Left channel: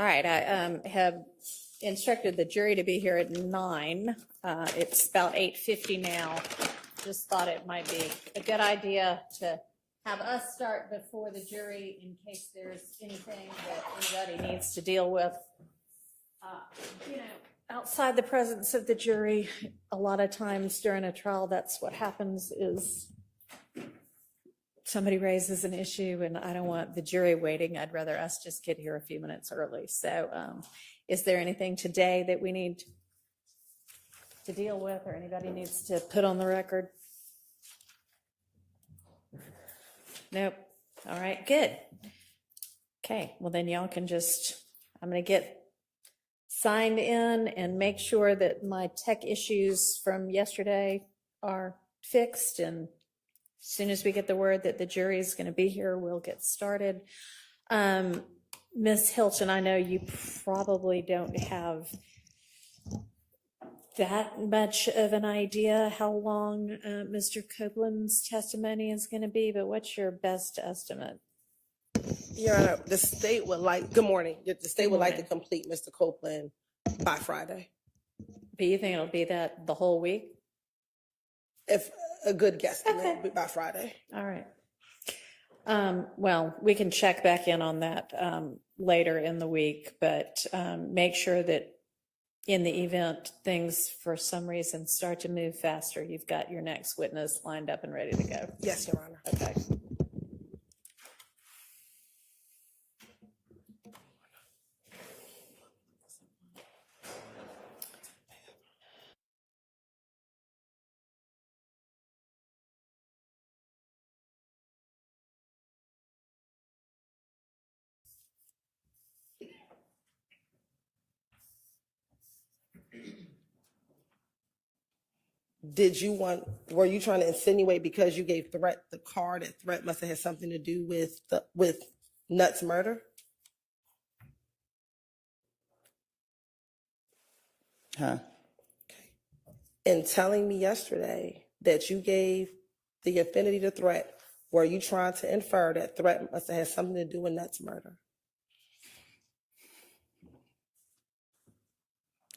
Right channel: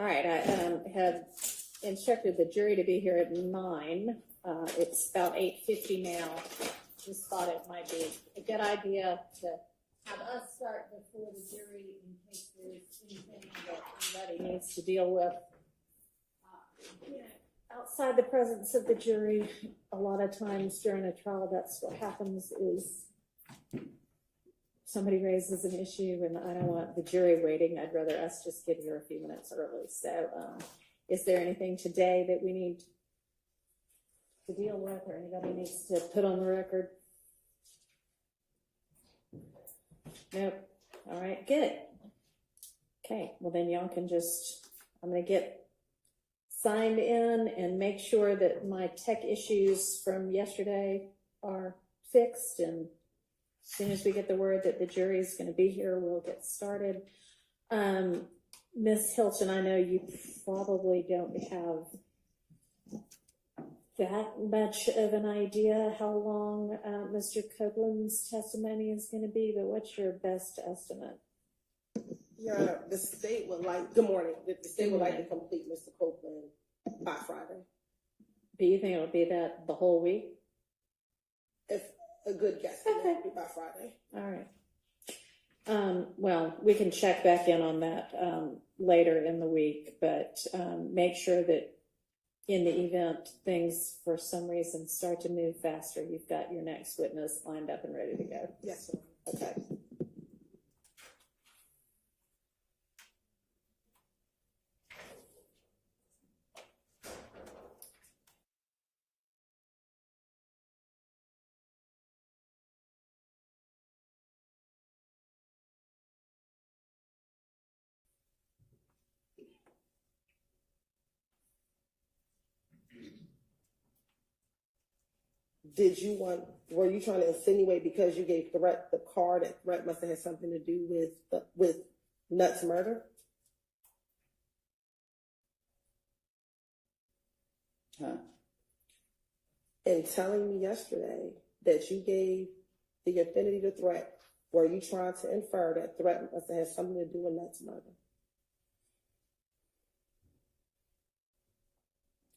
All right, I have instructed the jury to be here at 9. It's about 8:50 now. Just thought it might be a good idea to have us start before the jury in case there's anything that anybody needs to deal with. You know, outside the presence of the jury, a lot of times during a trial, that's what happens is somebody raises an issue and I don't want the jury waiting. I'd rather us just get here a few minutes early. So is there anything today that we need to deal with or anybody needs to put on the record? Nope. All right, good. Okay, well then y'all can just, I'm going to get signed in and make sure that my tech issues from yesterday are fixed, and as soon as we get the word that the jury is going to be here, we'll get started. Ms. Hilton, I know you probably don't have that much of an idea how long Mr. Copeland's testimony is going to be, but what's your best estimate? Your Honor, the state would like, good morning, the state would like to complete Mr. Copeland by Friday. Do you think it'll be that the whole week? If a good guesstimate, Okay. will be by Friday. All right. Well, we can check back in on that later in the week, but make sure that in the event things for some reason start to move faster, you've got your next witness lined up and ready to go. Yes, Your Honor. Okay. Were you trying to insinuate because you gave Threat the car that Threat must have had something to do with Nuts' murder? Huh? In telling me yesterday that you gave the affinity to Threat, were you trying to infer that Threat must have had something to do with Nuts' murder?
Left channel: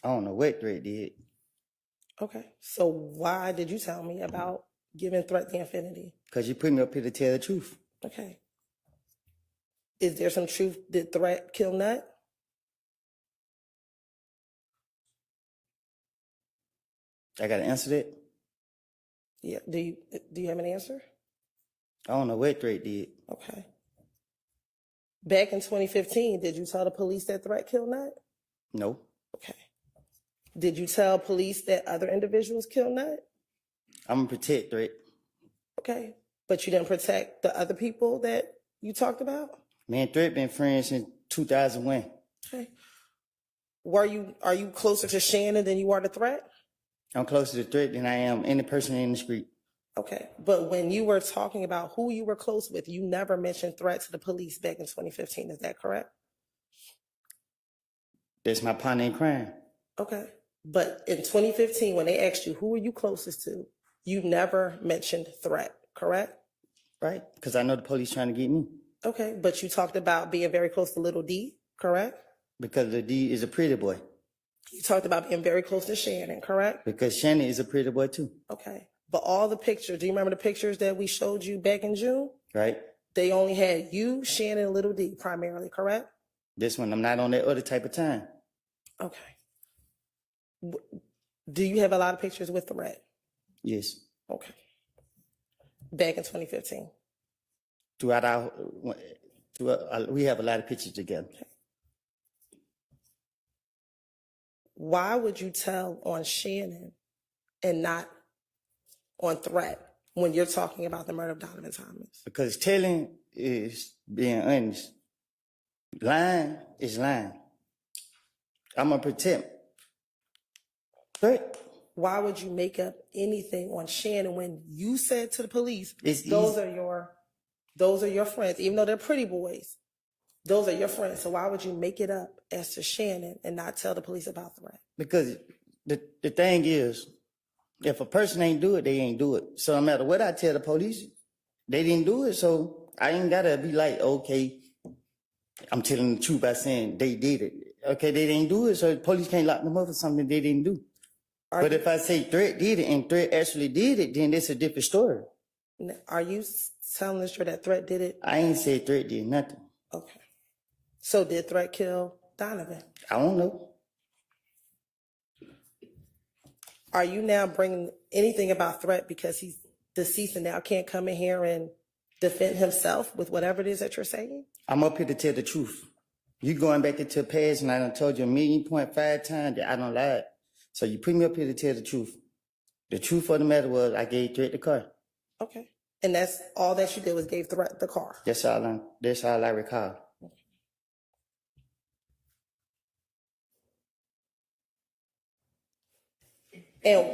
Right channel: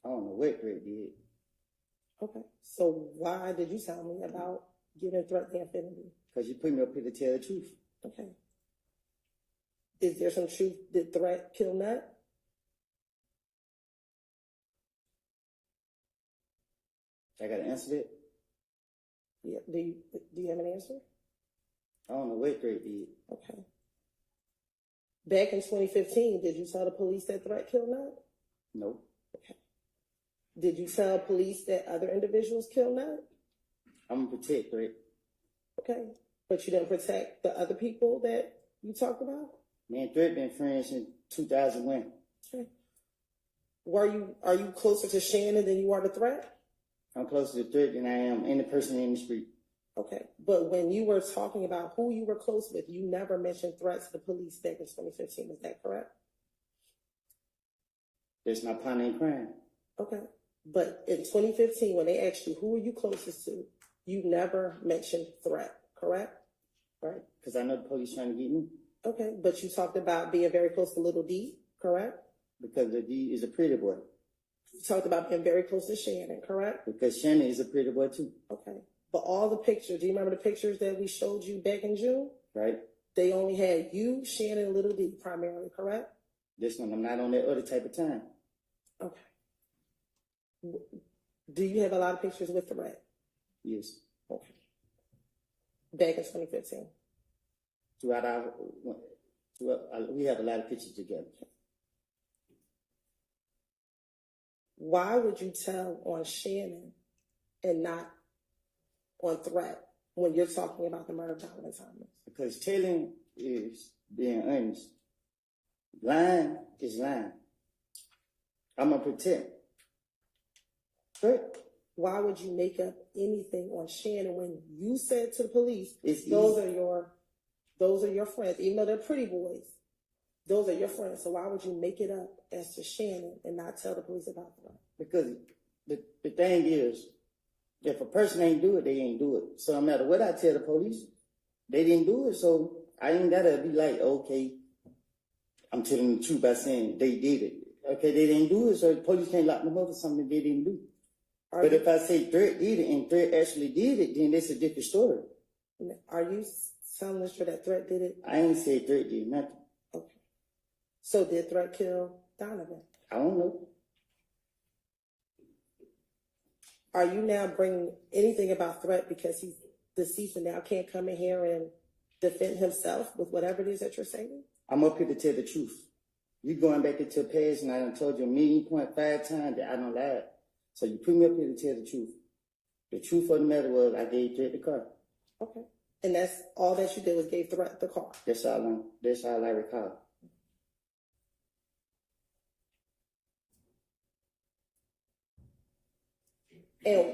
I don't know what Drake did. Okay, so why did you tell me about giving Threat the affinity? Because you put me up here to tell the truth. Okay. Is there some truth? Did Threat kill Nut? I got to answer that? Yeah. Do you have an answer? I don't know what Drake did. Okay. Back in 2015, did you tell the police that Threat killed Nut? No. Okay. Did you tell police that other individuals killed Nut? I'm going to protect Drake. Okay. But you didn't protect the other people that you talked about? Me and Drake been friends since 2001. Okay. Are you closer to Shannon than you are to Threat? I'm closer to Drake than I am any person in the street. Okay. But when you were talking about who you were close with, you never mentioned Threat to the police back in 2015. Is that correct? That's my partner in crime. Okay. But in 2015, when they asked you, who were you closest to, you never mentioned Threat, correct? Right? Because I know the police trying to get me. Okay. But you talked about being very close to Little D, correct? Because the D is a pretty boy. You talked about being very close to Shannon, correct? Because Shannon is a pretty boy too. Okay. But all the pictures, do you remember the pictures that we showed you back in June? Right? They only had you, Shannon, and Little D primarily, correct? This one, I'm not on that other type of time. Okay. Do you have a lot of pictures with Threat? Yes. Okay. Back in 2015? We have a lot of pictures together. Okay. Why would you tell on Shannon and not on Threat when you're talking about the murder of Donovan Thomas? Because telling is being honest. Lying is lying. I'm going to protect. Right? Why would you make up anything on Shannon when you said to the police, It's those easy. are your friends, even though they're pretty boys, those are your friends. So why would you make it up as to Shannon and not tell the police about Threat? Because the thing is, if a person ain't do it, they ain't do it. So no matter what I tell the police, they didn't do it. So I ain't got to be like, okay, I'm telling the truth by saying they did it. Okay, they didn't do it, so the police can't lock them up for something they didn't do. But if I say threat did it and threat actually did it, then it's a different story. Are you telling us that threat did it? I ain't said threat did nothing. Okay. So did threat kill Donovan? I don't know. Are you now bringing anything about threat because he's deceased and now can't come in here and defend himself with whatever it is that you're saying? I'm up here to tell the truth. You going back into the past and I done told you 1.5 times that I don't lie. So you put me up here to tell the truth. The truth of the matter was I gave threat the car. Okay. And that's all that you did was gave threat the car? That's all I recall. And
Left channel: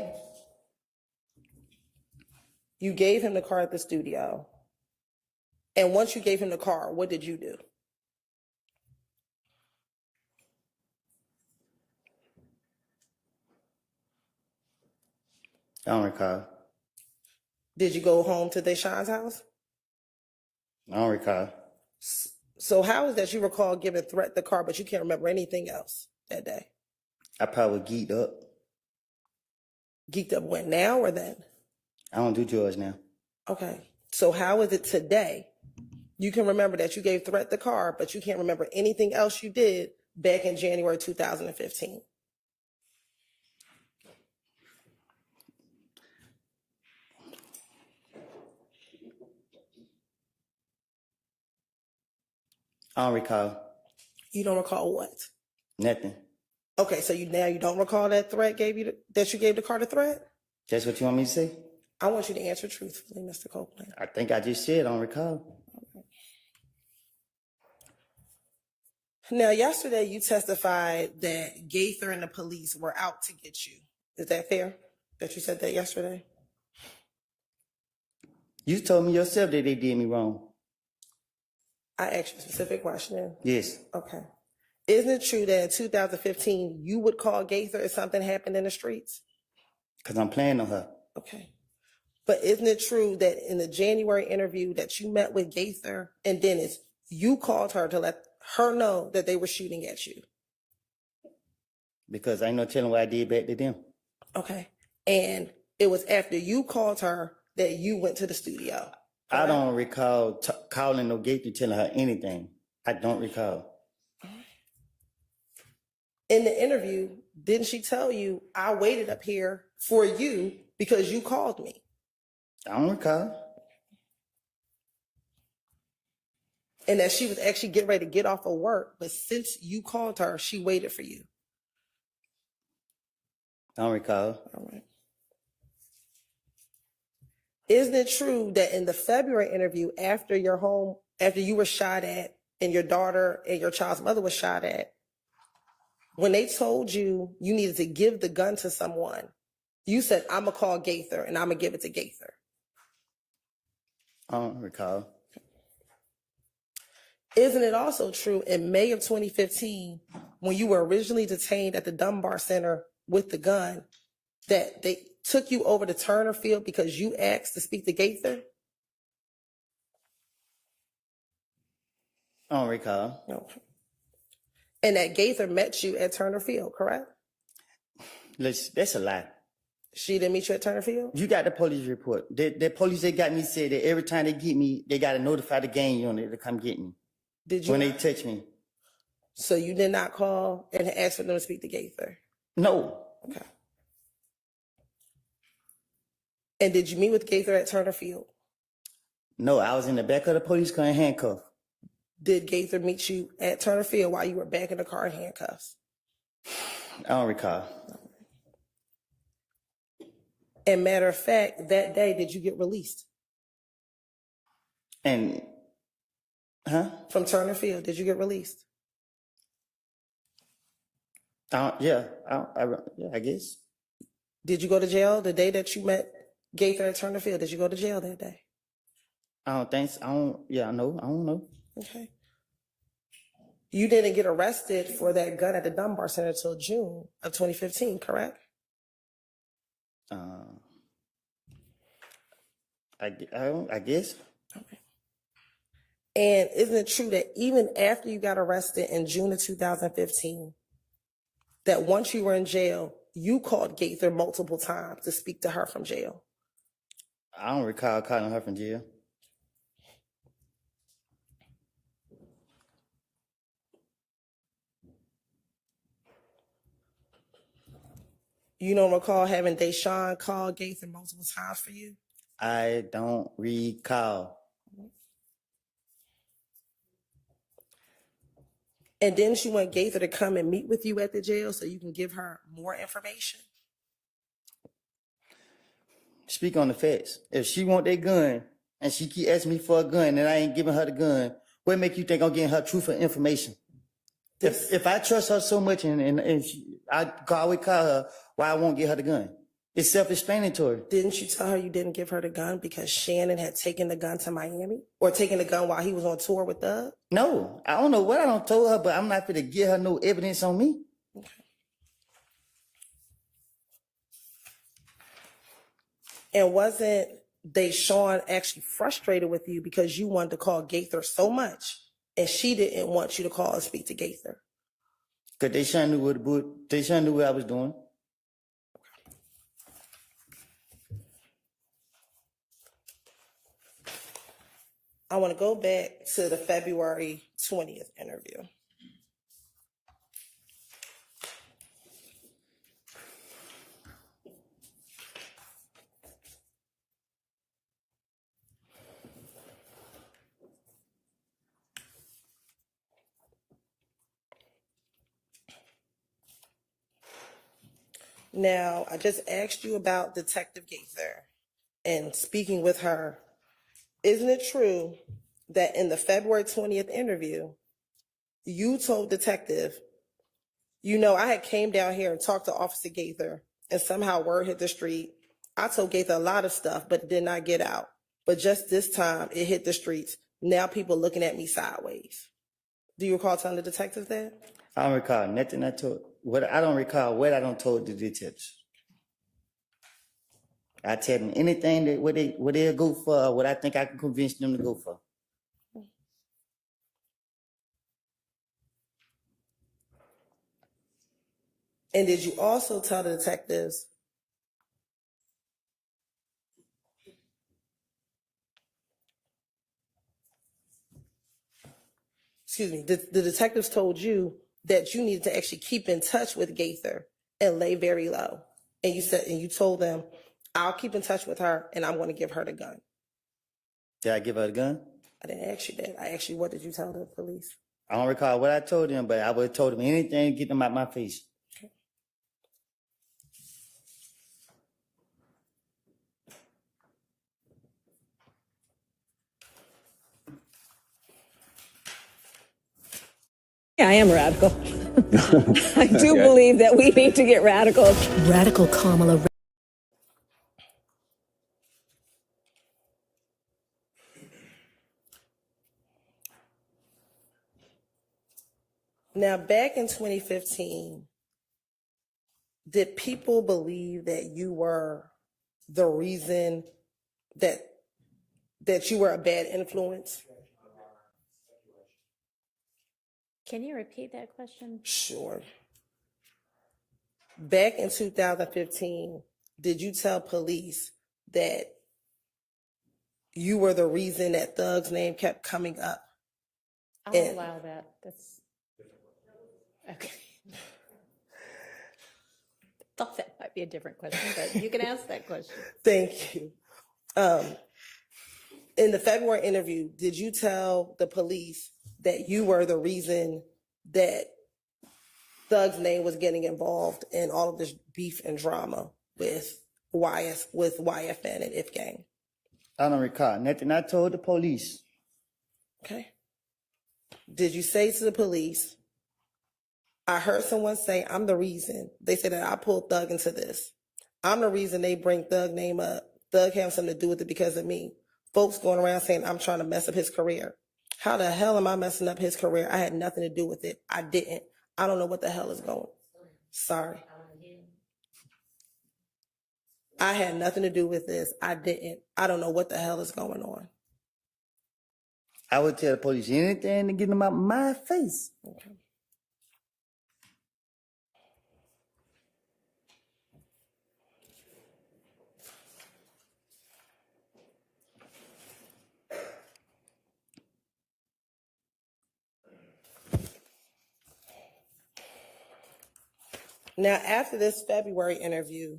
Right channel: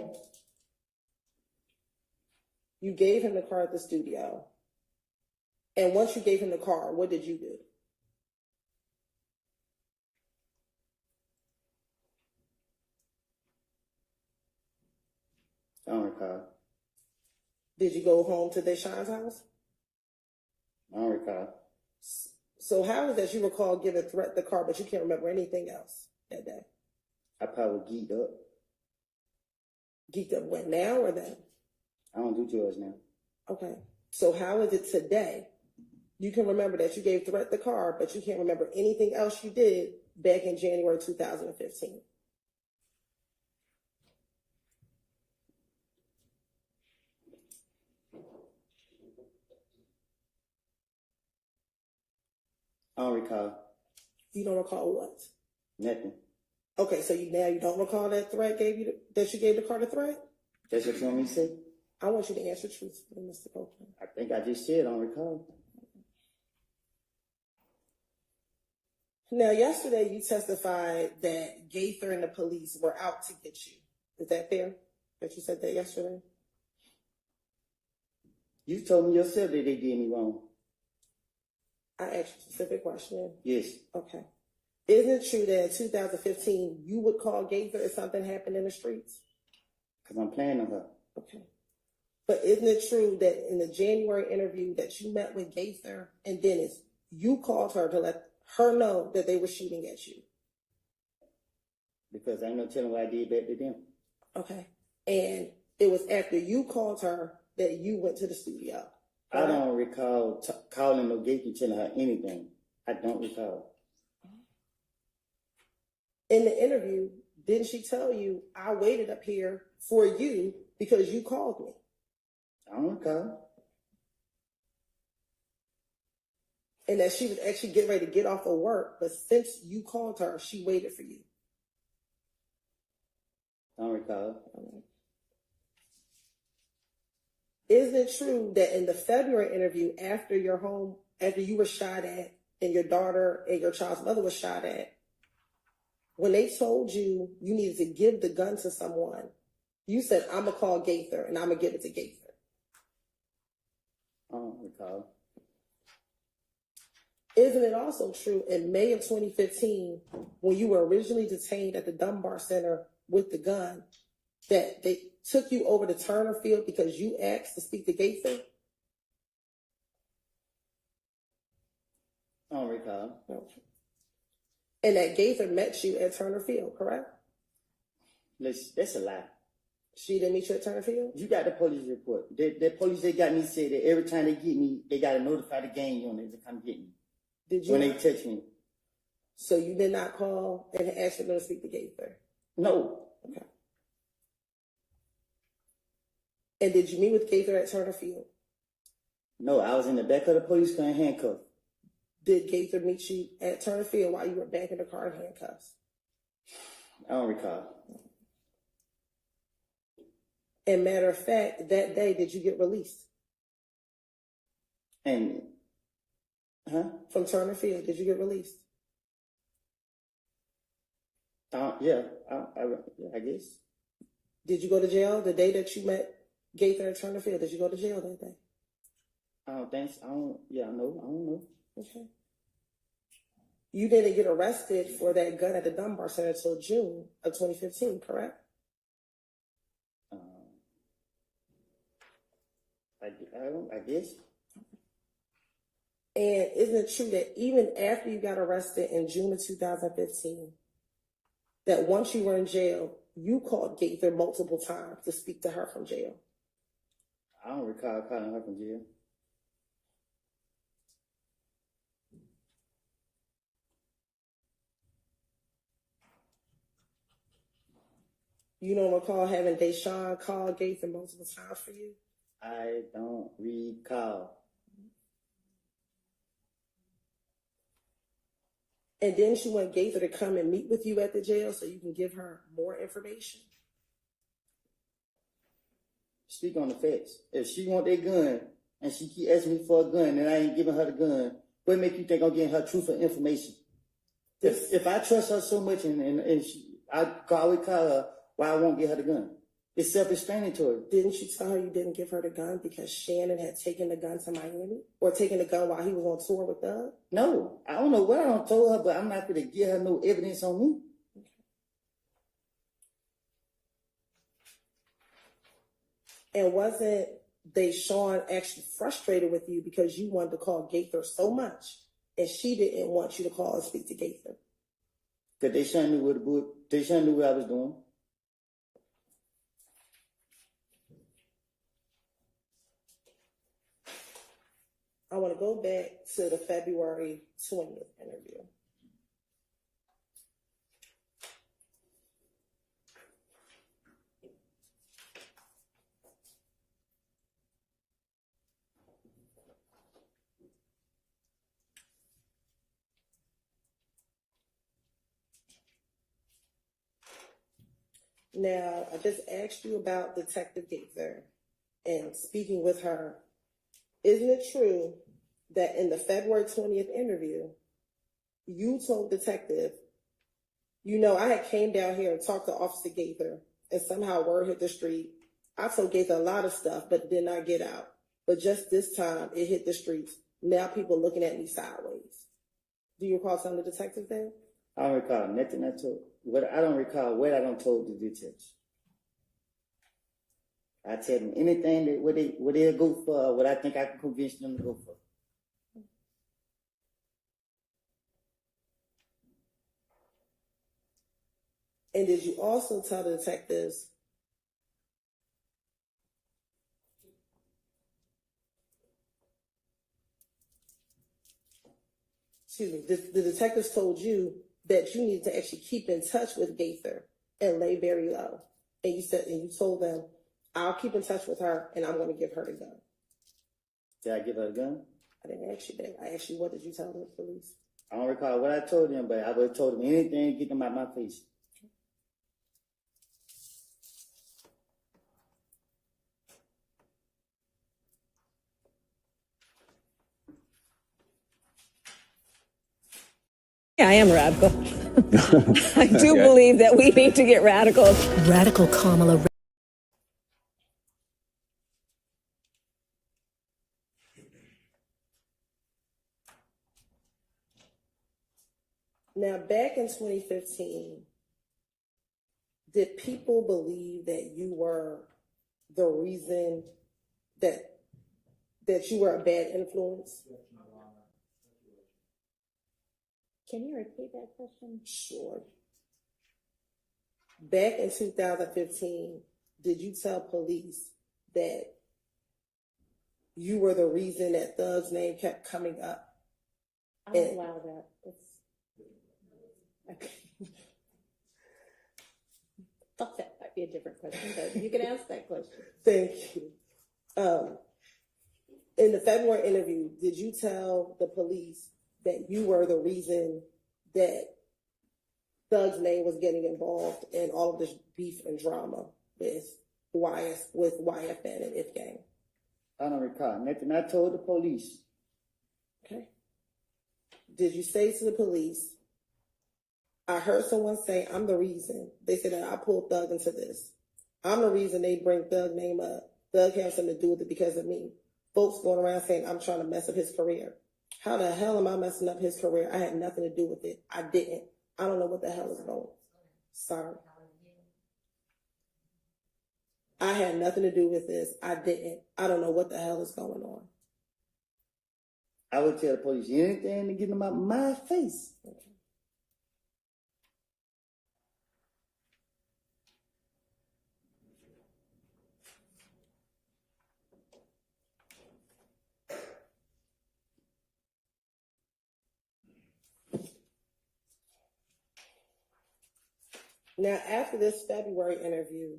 you gave him the car at the studio. And once you gave him the car, what did you do? I don't recall. Did you go home to Deshaun's house? I don't recall. So how is that you recall giving threat the car, but you can't remember anything else that day? I probably geeked up. Geeked up when, now or then? I don't do drugs now. Okay. So how is it today? You can remember that you gave threat the car, but you can't remember anything else you did back in January 2015. I don't recall. You don't recall what? Nothing. Okay, so you don't recall that threat that you gave the car the threat? That's what you want me to say? I want you to answer truthfully, Mr. Copeland. I think I just said I don't recall. Now, yesterday you testified that Gaither and the police were out to get you. Is that fair that you said that yesterday? You told me yourself that they did me wrong. I asked you a specific question. Yes. Okay. Isn't it true that in 2015 you would call Gaither if something happened in the streets? Because I'm playing on her. Okay. But isn't it true that in the January interview that you met with Gaither and Dennis, you called her to let her know that they were shooting at you? Because I ain't no telling what I did back to them. Okay. And it was after you called her that you went to the studio. I don't recall calling no Gaither telling her anything. I don't recall. In the interview, didn't she tell you, I waited up here for you because you called me? I don't recall. And that she was actually getting ready to get off of work, but since you called her, she waited for you. I don't recall. All right. Isn't it true that in the February interview, after you were shot at and your daughter and your child's mother was shot at, when they told you you needed to give the gun to someone, you said, I'm going to call Gaither and I'm going to give it to Gaither? I don't recall. Isn't it also true in May of 2015, when you were originally detained at the Dunbar Center with the gun, that they took you over to Turner Field because you asked to speak to Gaither? I don't recall. No. And that Gaither met you at Turner Field, correct? That's a lie. She didn't meet you at Turner Field? You got the police report. The police that got me said that every time they get me, they got to notify the gang unit to come get me. Did you? When they touch me. So you did not call and ask for them to speak to Gaither? No. Okay. And did you meet with Gaither at Turner Field? No, I was in the back of the police car in handcuffs. Did Gaither meet you at Turner Field while you were back in the car in handcuffs? I don't recall. And matter of fact, that day, did you get released? And, From Turner Field, did you get released? Yeah, I guess. Did you go to jail the day that you met Gaither at Turner Field? Did you go to jail that day? I don't think so. I don't know. Okay. You didn't get arrested for that gun at the Dunbar Center until June of 2015, correct? I guess. Okay. And isn't it true that even after you got arrested in June of 2015, that once you were in jail, you called Gaither multiple times to speak to her from jail? I don't recall calling her from jail. You don't recall having Deshaun call Gaither multiple times for you? I don't recall. And didn't you want Gaither to come and meet with you at the jail so you can give her more information? Speak on the facts. If she want that gun and she keep asking me for a gun and I ain't giving her the gun, what make you think I'm getting her truthful information? If I trust her so much and I always call her, why I won't get her the gun? It's self-explanatory. Didn't you tell her you didn't give her the gun because Shannon had taken the gun to Miami? Or taken the gun while he was on tour with Thug? No, I don't know what I don't told her, but I'm not gonna give her no evidence on me. Okay. And wasn't Deshaun actually frustrated with you because you wanted to call Gaither so much and she didn't want you to call and speak to Gaither? Cause Deshaun knew what I was doing. I want to go back to the February 20th interview. Now, I just asked you about Detective Gaither and speaking with her. Isn't it true that in the February 20th interview, you told Detective, you know, I had came down here and talked to Officer Gaither and somehow word hit the street. I told Gaither a lot of stuff, but it did not get out. But just this time, it hit the streets. Now people looking at me sideways. Do you recall telling the detective that? I don't recall nothing I told. I don't recall what I don't told the detectives. I tell them anything that what they'll go for, what I think I can convince them to go for. And did you also tell the detectives the detectives told you that you needed to actually keep in touch with Gaither and lay very low. And you told them, I'll keep in touch with her and I'm going to give her the gun. Did I give her the gun? I didn't ask you that. I asked you, what did you tell the police? I don't recall what I told them, but I would have told them anything to get them out my face. Yeah, I am radical. I do believe that we need to get radical. Radical Kamala. Now, back in 2015, did people believe that you were the reason that you were a bad influence? Can you repeat that question? Sure. Back in 2015, did you tell police that you were the reason that Thug's name kept coming up? I'll allow that. That's okay. Thought that might be a different question, but you can ask that question. Thank you. In the February interview, did you tell the police that you were the reason that Thug's name was getting involved in all of this beef and drama with YFN and If Gang? I don't recall nothing I told the police. Okay. Did you say to the police, I heard someone say I'm the reason. They said that I pulled Thug into this. I'm the reason they bring Thug name up. Thug has something to do with it because of me. Folks going around saying I'm trying to mess up his career. How the hell am I messing up his career? I had nothing to do with it. I didn't. I don't know what the hell is going. Sorry. I had nothing to do with this. I didn't. I don't know what the hell is going on. I would tell the police anything to get them out my face. Okay. Now, after this February interview,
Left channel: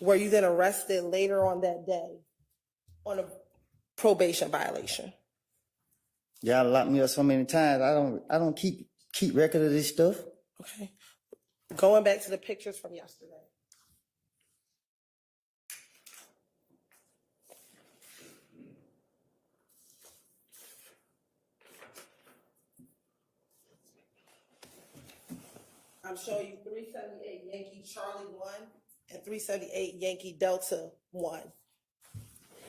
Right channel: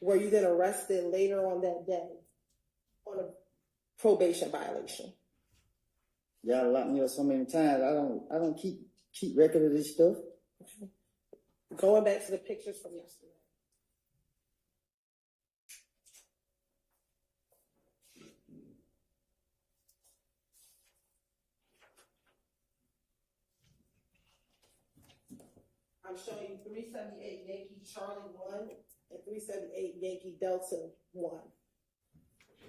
were you then arrested later on that day on a probation violation? Y'all locked me up so many times. I don't keep record of this stuff. Okay. Going back to the pictures from yesterday. I'm showing you 378 Yankee Charlie 1 and 378 Yankee Delta 1.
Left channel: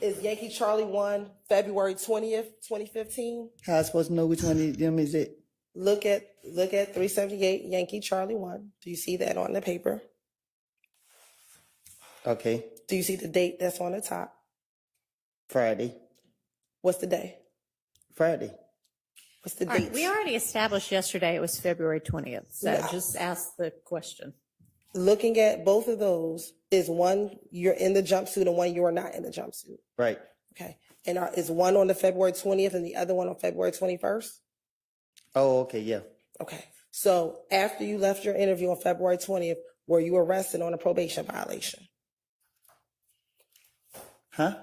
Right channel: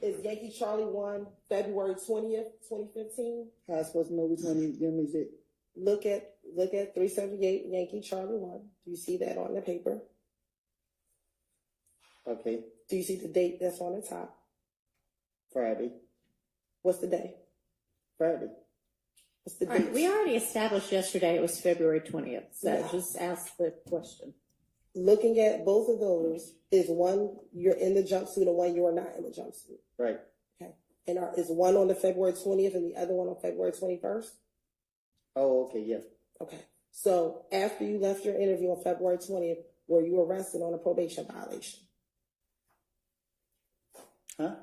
Is Yankee Charlie 1 February 20th, 2015? How I supposed to know which one of them is it? Look at 378 Yankee Charlie 1. Do you see that on the paper? Okay, Do you see the date that's on the top? Friday. What's the day? Friday. What's the All right, date? we already established yesterday it was February 20th, so Yeah. just ask the question. Looking at both of those, is one you're in the jumpsuit and one you are not in the jumpsuit? Right. Okay. And is one on the February 20th and the other one on February 21st? Oh, okay, yeah. Okay. So after you left your interview on February 20th, were you arrested on a probation violation? Huh?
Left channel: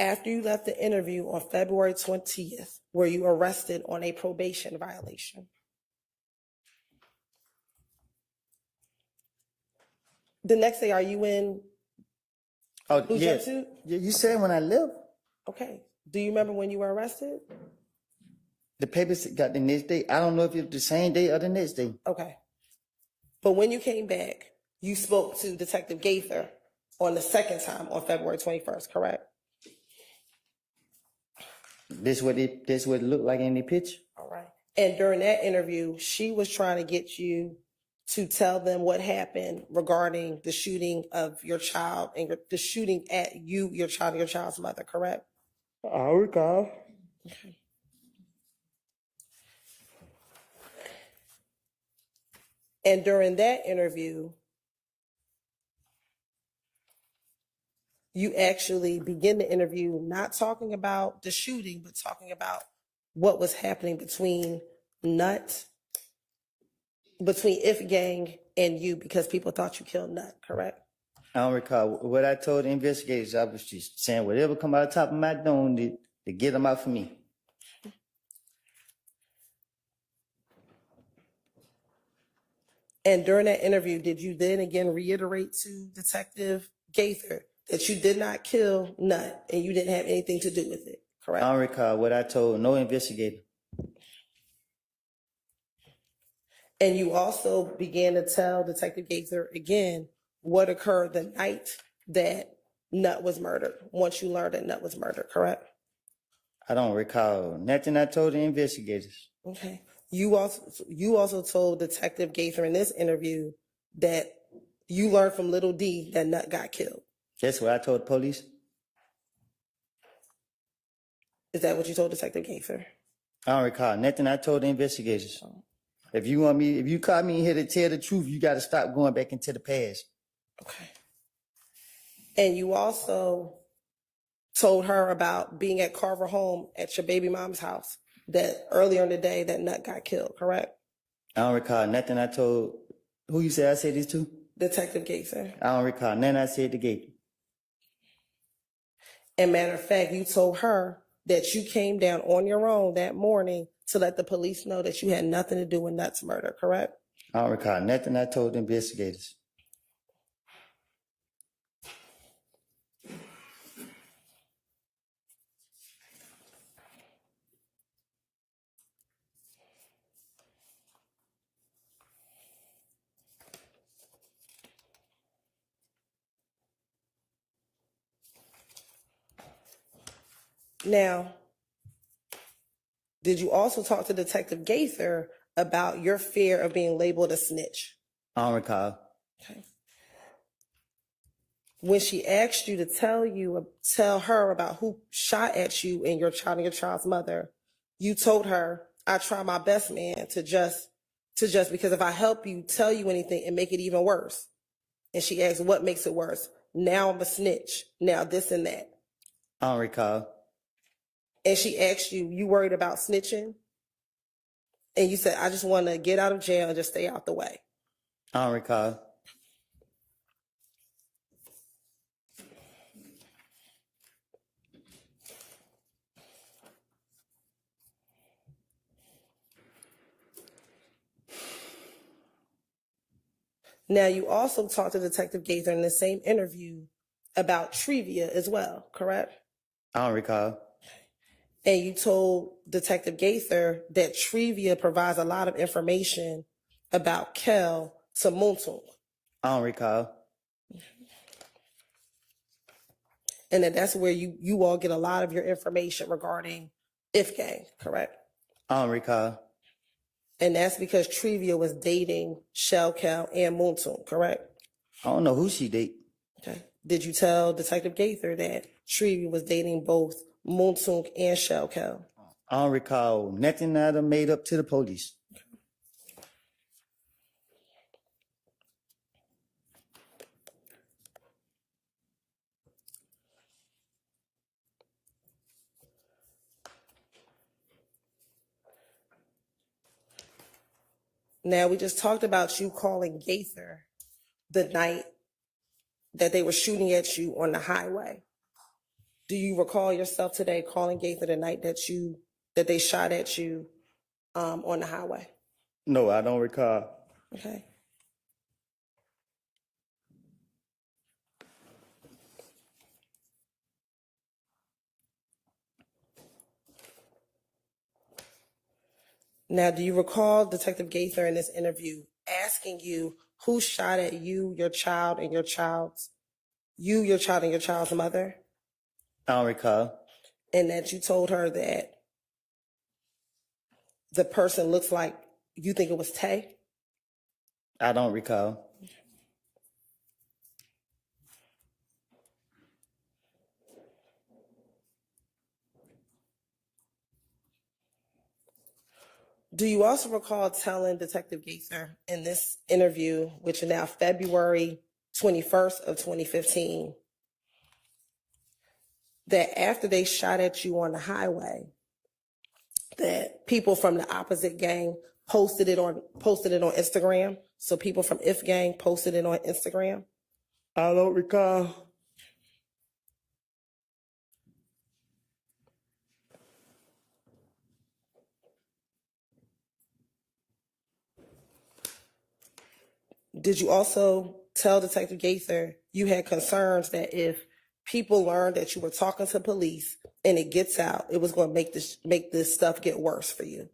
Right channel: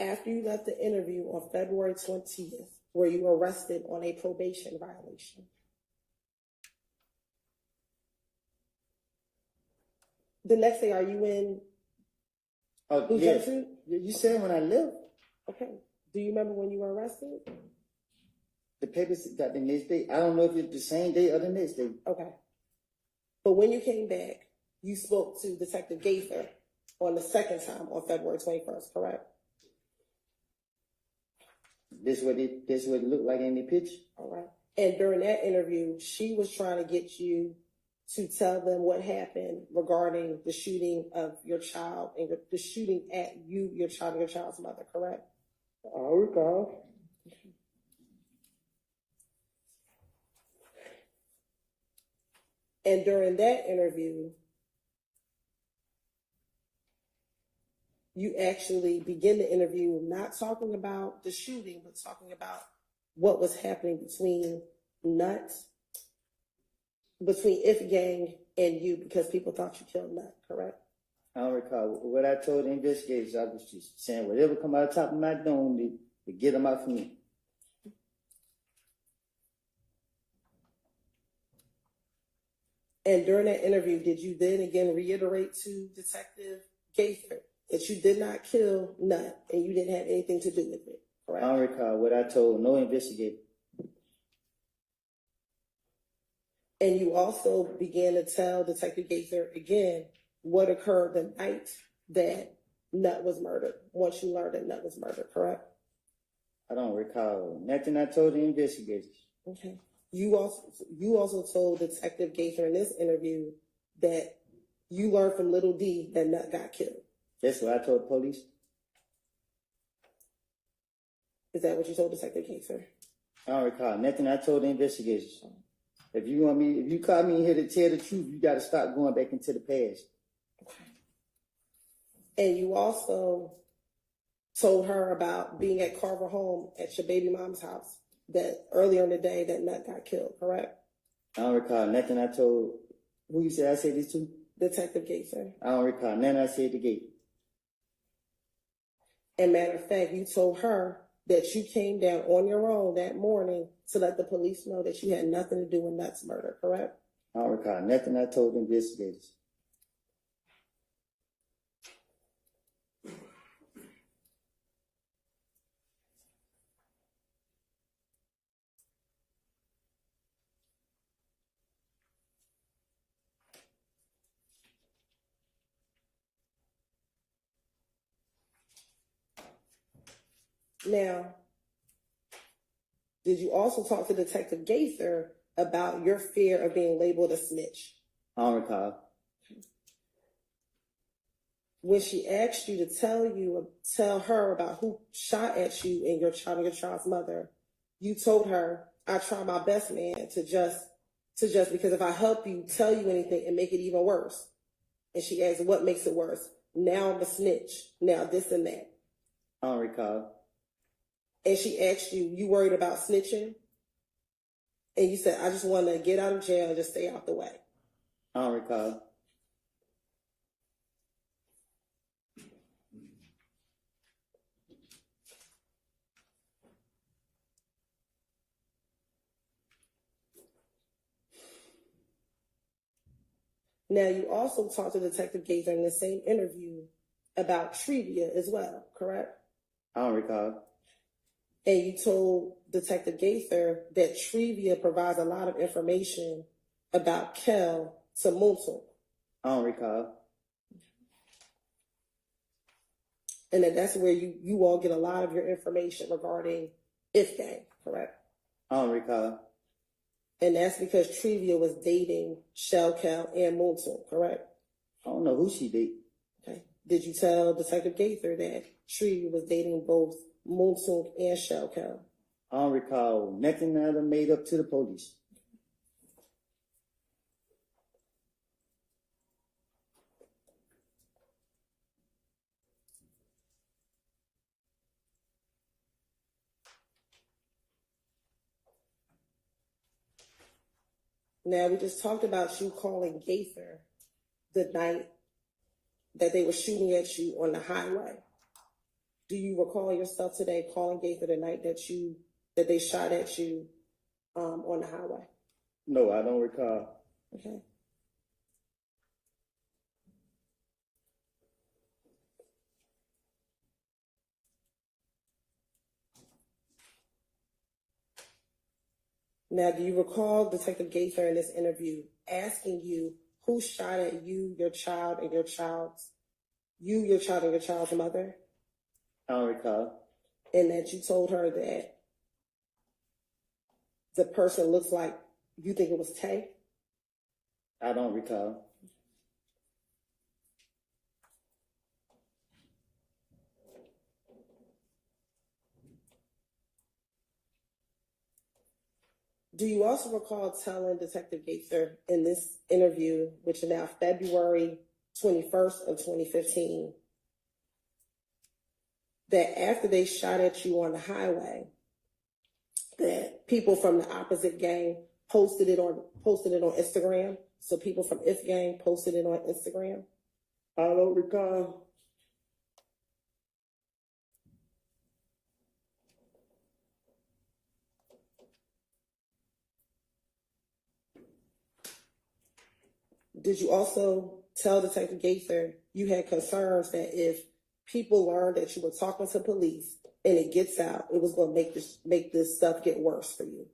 After you left the interview on February 20th, were you arrested on a probation violation? The next day, are you in Oh, blue yeah. jumpsuit? You said when I left. Okay. Do you remember when you were arrested? The papers got the next day. I don't know if it's the same day or the next day. Okay. But when you came back, you spoke to Detective Gaither on the second time on February 21st, correct? This what it looked like in the picture. All right. And during that interview, she was trying to get you to tell them what happened regarding the shooting of your child and the shooting at you, your child, and your child's mother, correct? I recall. Okay. And during that interview, you actually begin the interview not talking about the shooting, but talking about what was happening between If Gang and you, because people thought you killed Nut, correct? I don't recall. What I told the investigators, I was just saying whatever come out of the top of my dome to get them out for me. And during that interview, did you then again reiterate to Detective Gaither that you did not kill Nut and you didn't have anything to do with it, correct? I don't recall what I told no investigator. And you also began to tell Detective Gaither again what occurred the night that Nut was murdered, once you learned that Nut was murdered, correct? I don't recall nothing I told the investigators. Okay. You also told Detective Gaither in this interview that you learned from Little D that Nut got killed. That's what I told the police. Is that what you told Detective Gaither? I don't recall nothing I told the investigators. If you call me in here to tell the truth, you got to stop going back into the past. Okay. And you also told her about being at Carver home at your baby mom's house that earlier in the day that Nut got killed, correct? I don't recall nothing I told. Who you said I said this to? Detective Gaither. I don't recall nothing I said to Gaither. And matter of fact, you told her that you came down on your own that morning to let the police know that you had nothing to do with Nut's murder, correct? I don't recall nothing I told the investigators. Now, did you also talk to Detective Gaither about your fear of being labeled a snitch? I don't recall. Okay. when she asked you to tell her about who shot at you and your child's mother, you told her, I try my best, man, to just, because if I help you, tell you anything and make it even worse. And she asked, what makes it worse? Now I'm a snitch. Now this and that. I don't recall. And she asked you, you worried about snitching? And you said, I just want to get out of jail and just stay out the way. I don't recall. Now, you also talked to Detective Gaither in the same interview about trivia as well, correct? I don't recall. And you told Detective Gaither that trivia provides a lot of information about Kel to YOUNGTHUG. I don't recall. And that's where you all get a lot of your information regarding If Gang, correct? I don't recall. And that's because Trivia was dating Shell Kel and YOUNGTHUG, correct? I don't know who she date. Okay. Did you tell Detective Gaither that Trivia was dating both YOUNGTHUG and Shell Kel? I don't recall nothing that I made up to the police. Now, we just talked about you calling Gaither the night that they were shooting at you on the highway. Do you recall yourself today calling Gaither the night that they shot at you on the highway? No, I don't recall. Okay. Now, do you recall Detective Gaither in this interview asking you who shot at you, your child, and your child's mother? I don't recall. And that you told her that the person looks like you think it was Tay? I don't recall. Do you also recall telling Detective Gaither in this interview, which is now February 21st of 2015, that after they shot at you on the highway, that people from the opposite gang posted it on Instagram? So people from If Gang posted it on Instagram? I don't recall. Did you also tell Detective Gaither you had concerns that if people learned that you were talking to police and it gets out, it was going to make this stuff get worse for you?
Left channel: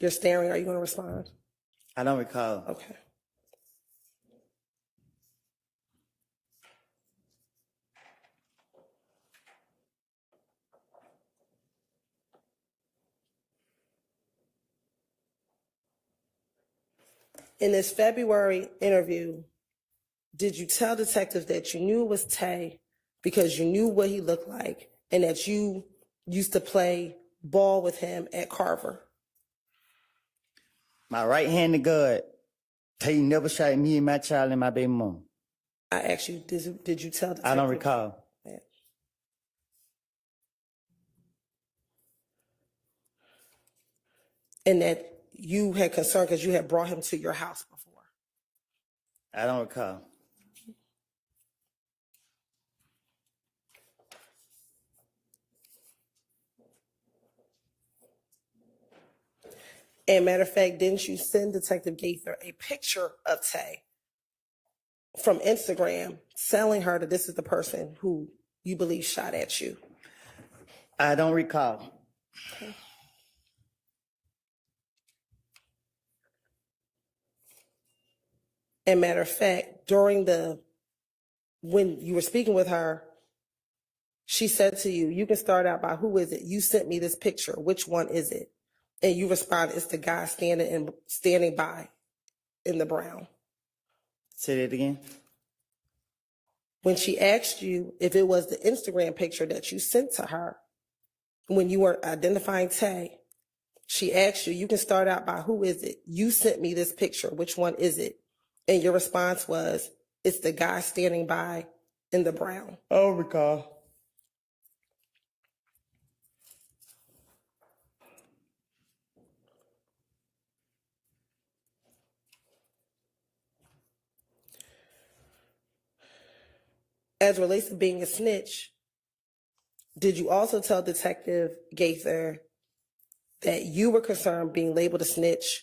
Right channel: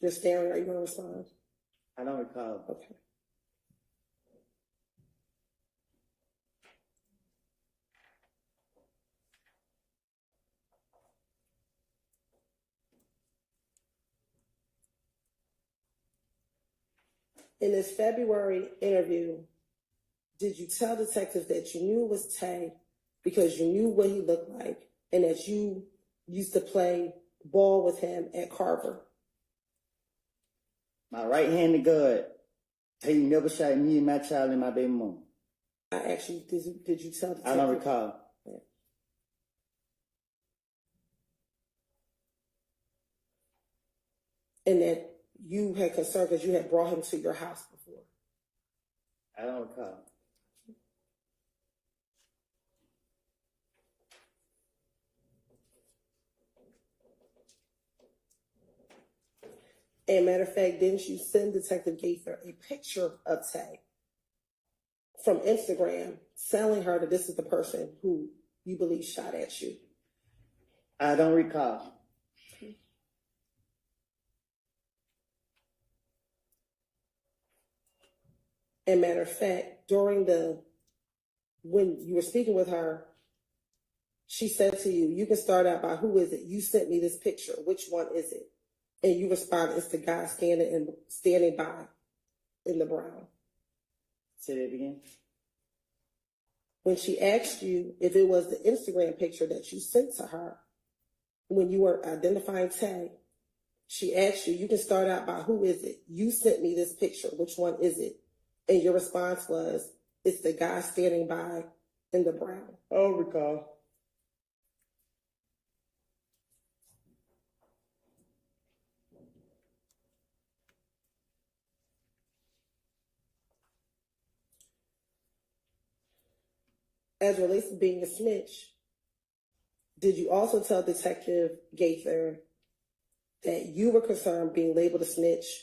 You're staring. Are you going to respond? I don't recall. Okay. In this February interview, did you tell detectives that you knew it was Tay because you knew what he looked like and that you used to play ball with him at Carver? My right hand to God. Tay never shot me and my child and my baby mom. I asked you, did you tell detectives? I don't recall. Yeah. And that you had concern because you had brought him to your house before? I don't recall. And matter of fact, didn't you send Detective Gaither a picture of Tay from Instagram telling her that this is the person who you believe shot at you? I don't recall. And matter of fact, when you were speaking with her, she said to you, you can start out by who is it? You sent me this picture. Which one is it? And you responded, it's the guy standing by in the brown. Say that again. When she asked you if it was the Instagram picture that you sent to her when you were identifying Tay, she asked you, you can start out by who is it? You sent me this picture. Which one is it? And your response was, it's the guy standing by in the brown. I don't recall. As relates to being a snitch, did you also tell Detective Gaither that you were concerned being labeled a snitch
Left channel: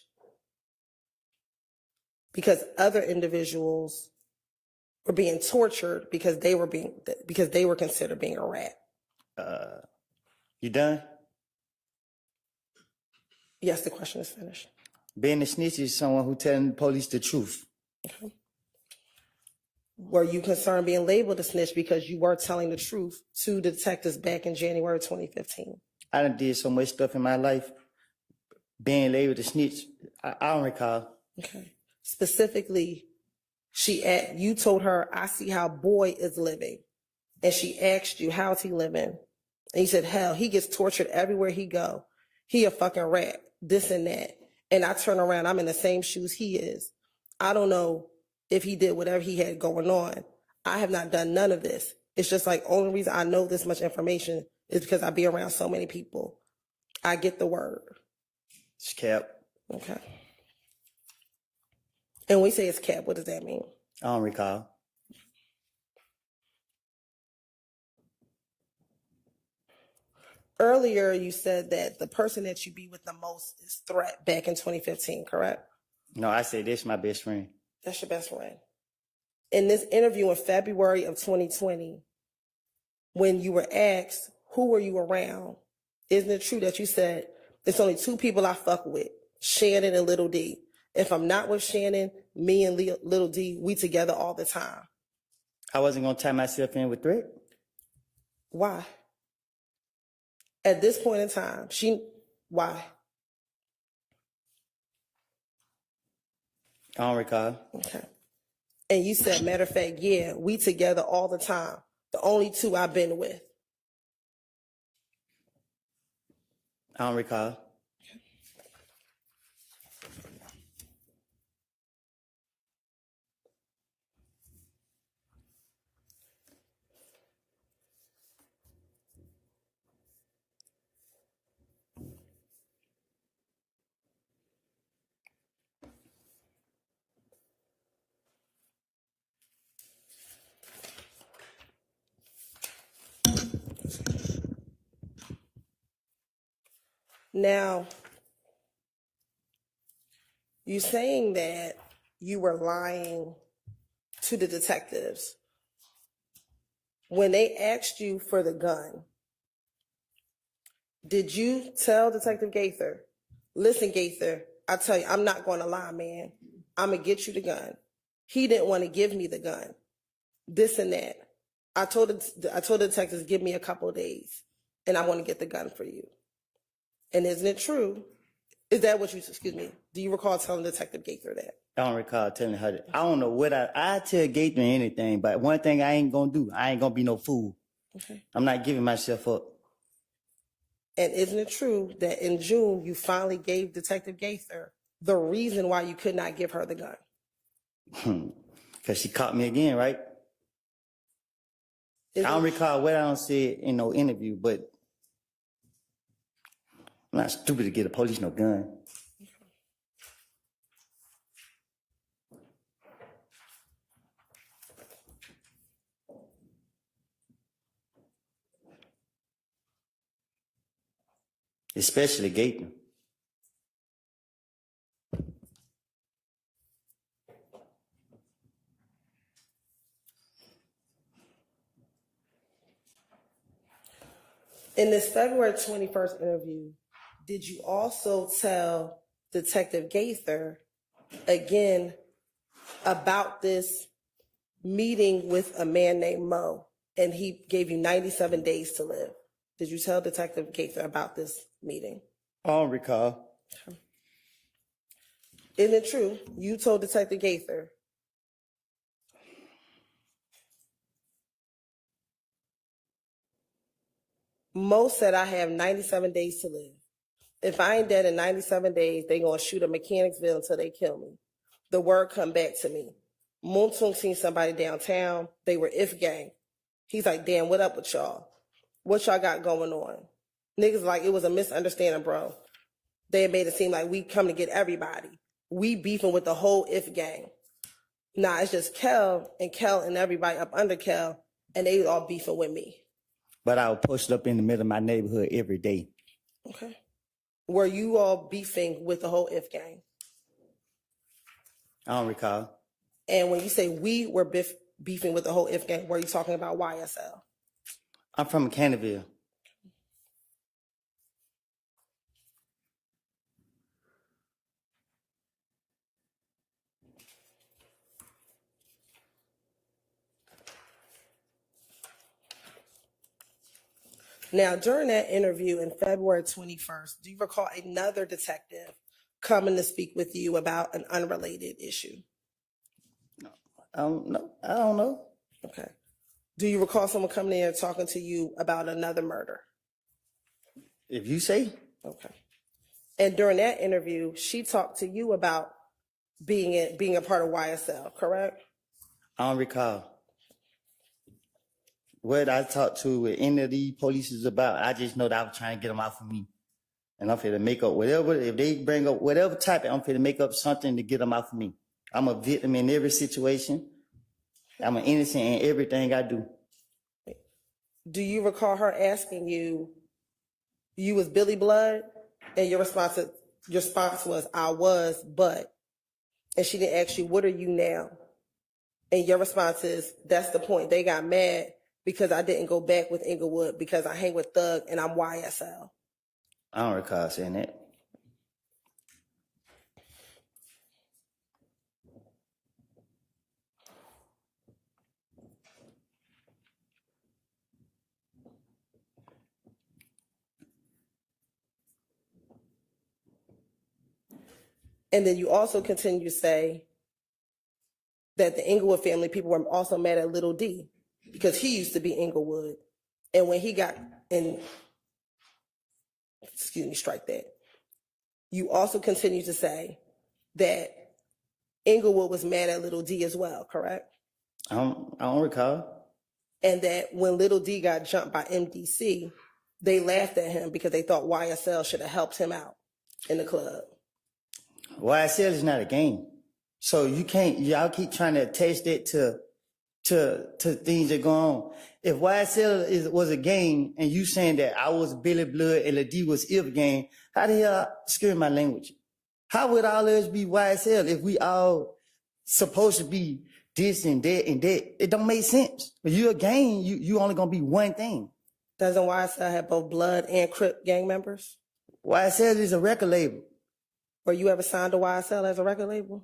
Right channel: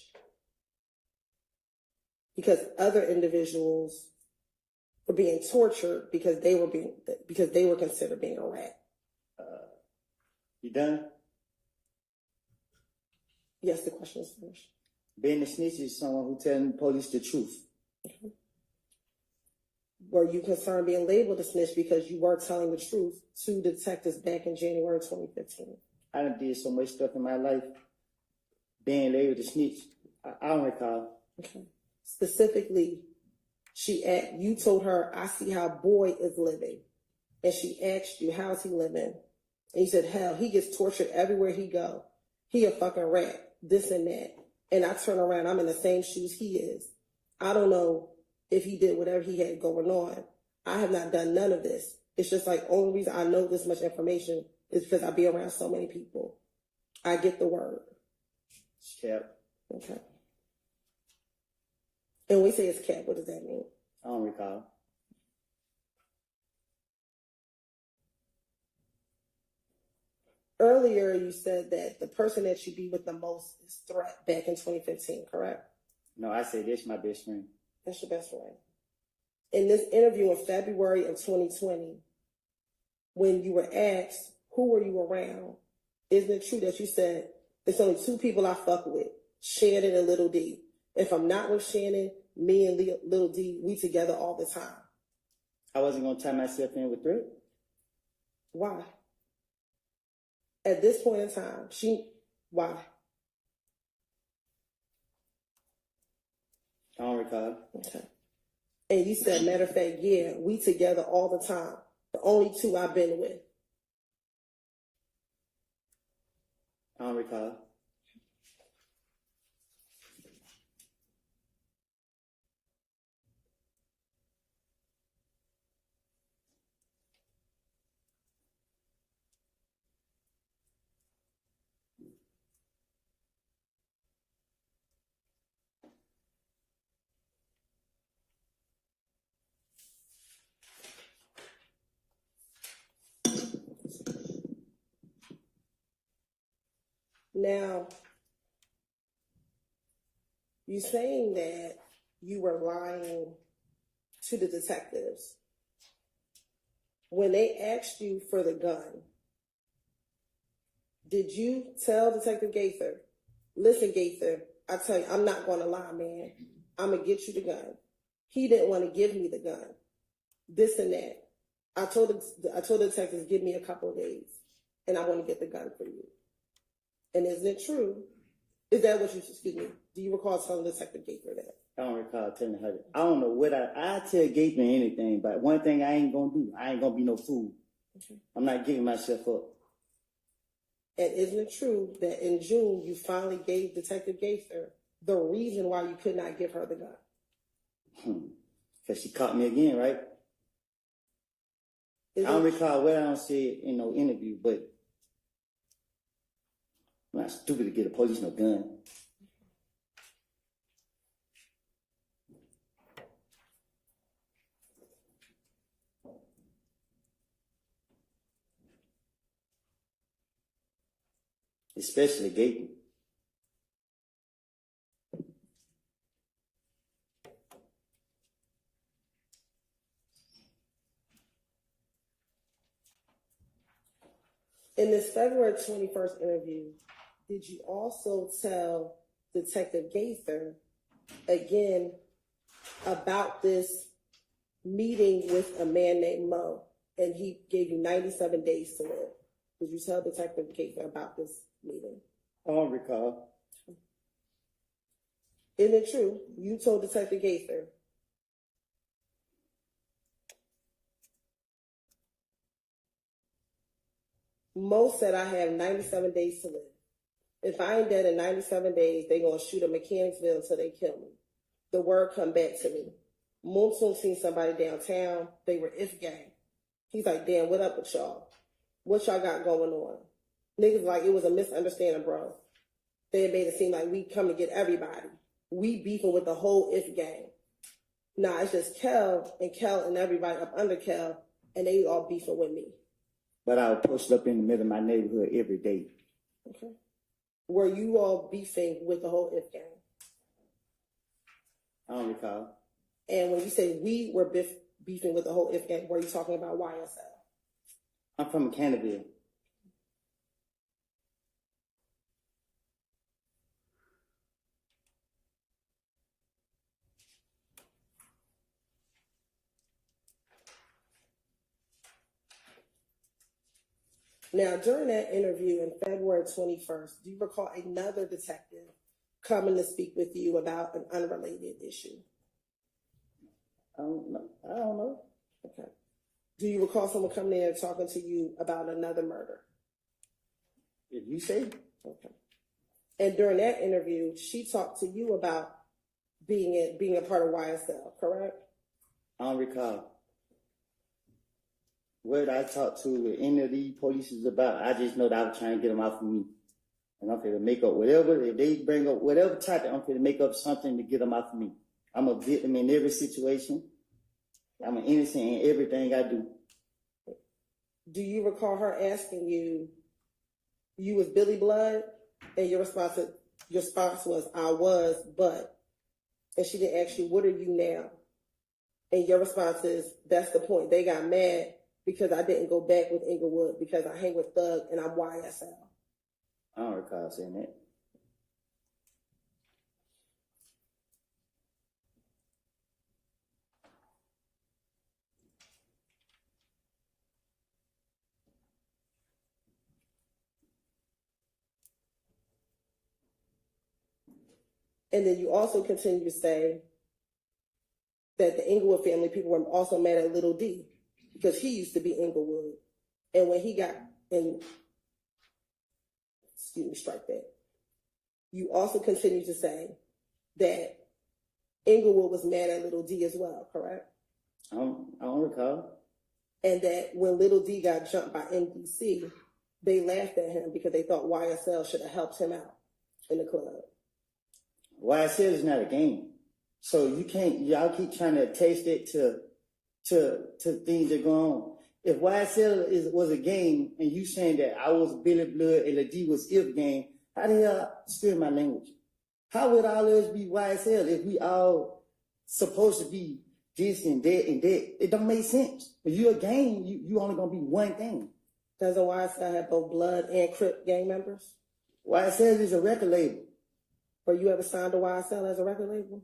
because other individuals were being tortured because they were considered being a rat? You done? Yes, the question is finished. Being a snitch is someone who telling the police the truth. Okay. Were you concerned being labeled a snitch because you were telling the truth to the detectives back in January 2015? I done did so much stuff in my life. Being labeled a snitch, I don't recall. Okay. Specifically, you told her, I see how boy is living. And she asked you, how's he living? And you said, hell, he gets tortured everywhere he go. He a fucking rat, this and that. And I turn around, I'm in the same shoes he is. I don't know if he did whatever he had going on. I have not done none of this. It's just like, only reason I know this much information is because I be around so many people. I get the word. It's cap. Okay. And when we say it's cap, what does that mean? I don't recall. Earlier, you said that the person that you be with the most is Threat back in 2015, correct? No, I say this my best friend. That's your best friend. In this interview in February of 2020, when you were asked, who were you around? Isn't it true that you said, there's only two people I fuck with, Shannon and Little D. If I'm not with Shannon, me and Little D, we together all the time. I wasn't going to tie myself in with Threat. Why? At this point in time, why? I don't recall. Okay. And you said, matter of fact, yeah, we together all the time. The only two I've been with. I don't recall. Now, you're saying that you were lying to the detectives. When they asked you for the gun, did you tell Detective Gaither, listen, Gaither, I tell you, I'm not going to lie, man. I'm going to get you the gun. He didn't want to give me the gun. This and that. I told the detectives, give me a couple of days, and I want to get the gun for you. And isn't it true? Is that what excuse me, do you recall telling Detective Gaither that? I don't recall telling her that. I don't know what I tell Gaither anything, but one thing I ain't going to do, I ain't going to be no fool. Okay. I'm not giving myself up. And isn't it true that in June, you finally gave Detective Gaither the reason why you could not give her the gun? Because she caught me again, right? I don't recall what I don't say in no interview, but I'm not stupid to get the police no gun. Especially Gaither. In this February 21st interview, did you also tell Detective Gaither again about this meeting with a man named Mo, and he gave you 97 days to live? Did you tell Detective Gaither about this meeting? I don't recall. Isn't it true? You told Detective Gaither most said I have 97 days to live. If I ain't dead in 97 days, they gonna shoot a Mechanicsville until they kill me. The word come back to me. Moontung seen somebody downtown. They were If gang. He's like, damn, what up with y'all? What y'all got going on? Niggas like, it was a misunderstanding, bro. They made it seem like we come to get everybody. We beefing with the whole If gang. Nah, it's just Kel and everybody up under Kel, and they all beefing with me. But I was posted up in the middle of my neighborhood every day. Okay. Were you all beefing with the whole If gang? I don't recall. And when you say we were beefing with the whole If gang, were you talking about YSL? I'm from Mechanicsville. Now, during that interview in February 21st, do you recall another detective coming to speak with you about an unrelated issue? No, I don't know. Okay. Do you recall someone coming in and talking to you about another murder? If you say. Okay. And during that interview, she talked to you about being a part of YSL, correct? I don't recall. What I talked to with any of these police is about, I just know that I was trying to get them out for me. And I'm finna make up whatever, if they bring up whatever type, I'm finna make up something to get them out for me. I'm a victim in every situation. I'm an innocent in everything I do. Do you recall her asking you, you was Billy Blood? And your response was, I was, but. And she didn't ask you, what are you now? And your response is, that's the point. They got mad because I didn't go back with Inglewood because I hang with Thug and I'm YSL. I don't recall saying that. And then you also continue to say that the Inglewood family people were also mad at Little D because he used to be Inglewood. And when he got in, strike that. You also continue to say that Inglewood was mad at Little D as well, correct? I don't recall. And that when Little D got jumped by MDC, they laughed at him because they thought YSL should have helped him out in the club. YSL is not a game. So you can't, y'all keep trying to attach that to things that go on. If YSL was a game and you saying that I was Billy Blood and Lil was If gang, how the hell, excuse my language, how would all of us be YSL if we all supposed to be this and that and that? It don't make sense. When you're a gang, you only gonna be one thing. Doesn't YSL have both Blood and Crip gang members? YSL is a record label. Were you ever signed to YSL as a record label?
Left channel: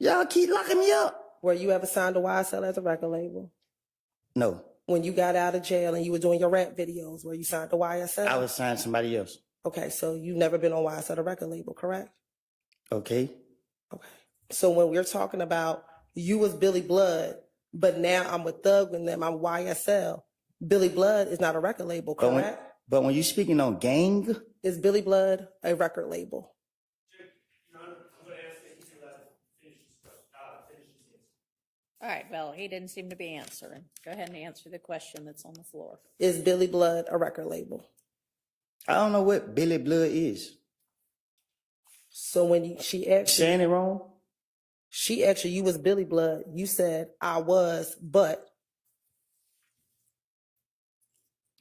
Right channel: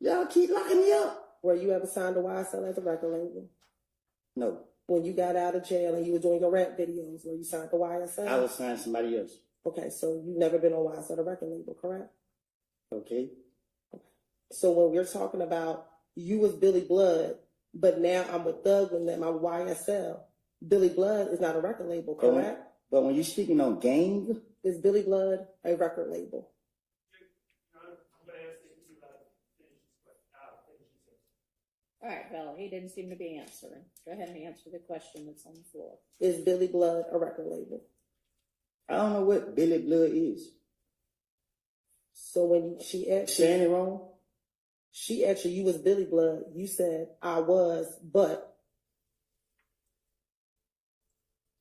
Y'all keep locking me up. Were you ever signed to YSL as a record label? No. When you got out of jail and you were doing your rap videos, were you signed to YSL? I was signed to somebody else. Okay, so you've never been on YSL, the record label, correct? Okay. Okay. So when we're talking about you was Billy Blood, but now I'm with Thug and them, I'm YSL, Billy Blood is not a record label, correct? But when you're speaking on gang, is Billy Blood a record label? All right, Bill, he didn't seem to be answering. Go ahead and answer the question that's on the floor. Is Billy Blood a record label? I don't know what Billy Blood is. So when she asked saying it wrong? She asked you was Billy Blood. You said, I was, but.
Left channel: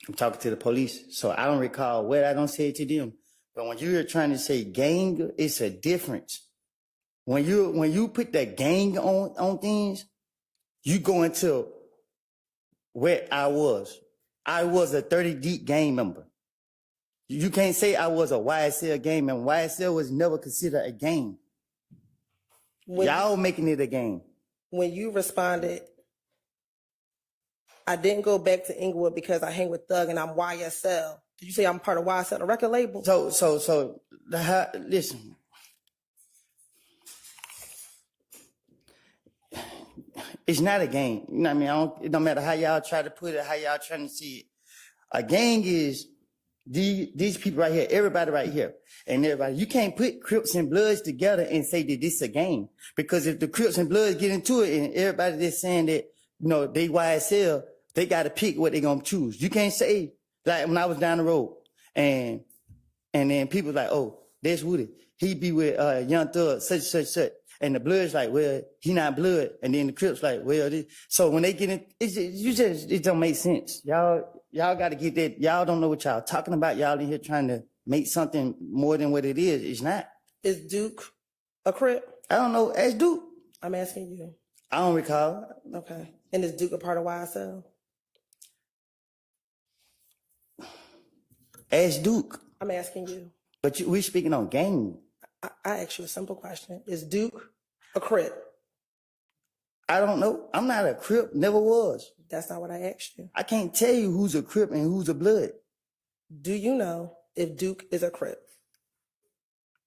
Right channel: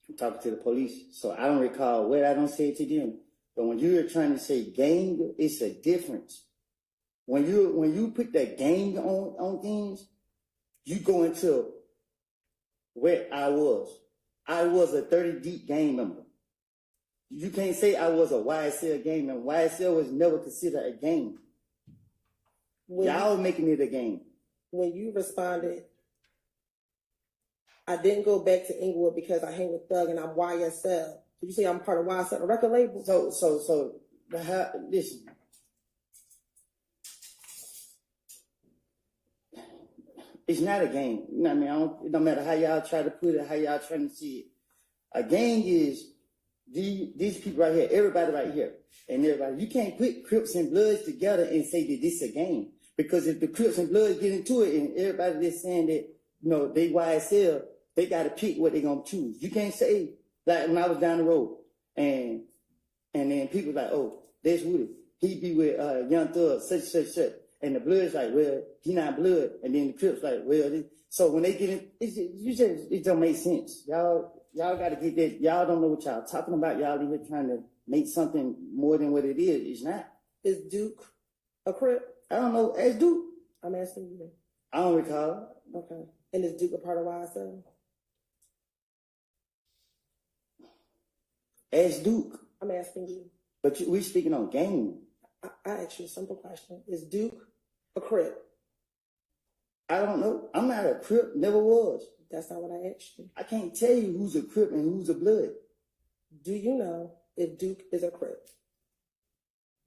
I'm talking to the police, so I don't recall what I don't say to them. But when you're trying to say gang, it's a difference. When you put that gang on things, you go into where I was. I was a 30 Deep gang member. You can't say I was a YSL gang member. YSL was never considered a gang. Y'all making it a game. When you responded, I didn't go back to Inglewood because I hang with Thug and I'm YSL. Did you say I'm part of YSL, the record label? So listen. It's not a gang. You know what I mean? It don't matter how y'all try to put it, how y'all trying to see it. A gang is these people right here, everybody right here, and everybody. You can't put Crips and Bloods together and say that this is a gang. Because if the Crips and Bloods get into it and everybody just saying that, you know, they YSL, they got to pick what they going to choose. You can't say, like when I was down the road and then people like, oh, that's Woody. He be with YOUNGTHUG, such. And the Blood's like, well, he not Blood. And then the Crips like, well, so when they get in, it don't make sense. Y'all got to get that. Y'all don't know what y'all talking about. Y'all in here trying to make something more than what it is. It's not. Is Duke a Crip? I don't know. Ask Duke. I'm asking you. I don't recall. Okay. And is Duke a part of YSL? Ask Duke. I'm asking you. But we speaking on gang. I asked you a simple question. Is Duke a Crip? I don't know. I'm not a Crip. Never was. That's not what I asked you. I can't tell you who's a Crip and who's a Blood. Do you know if Duke is a Crip?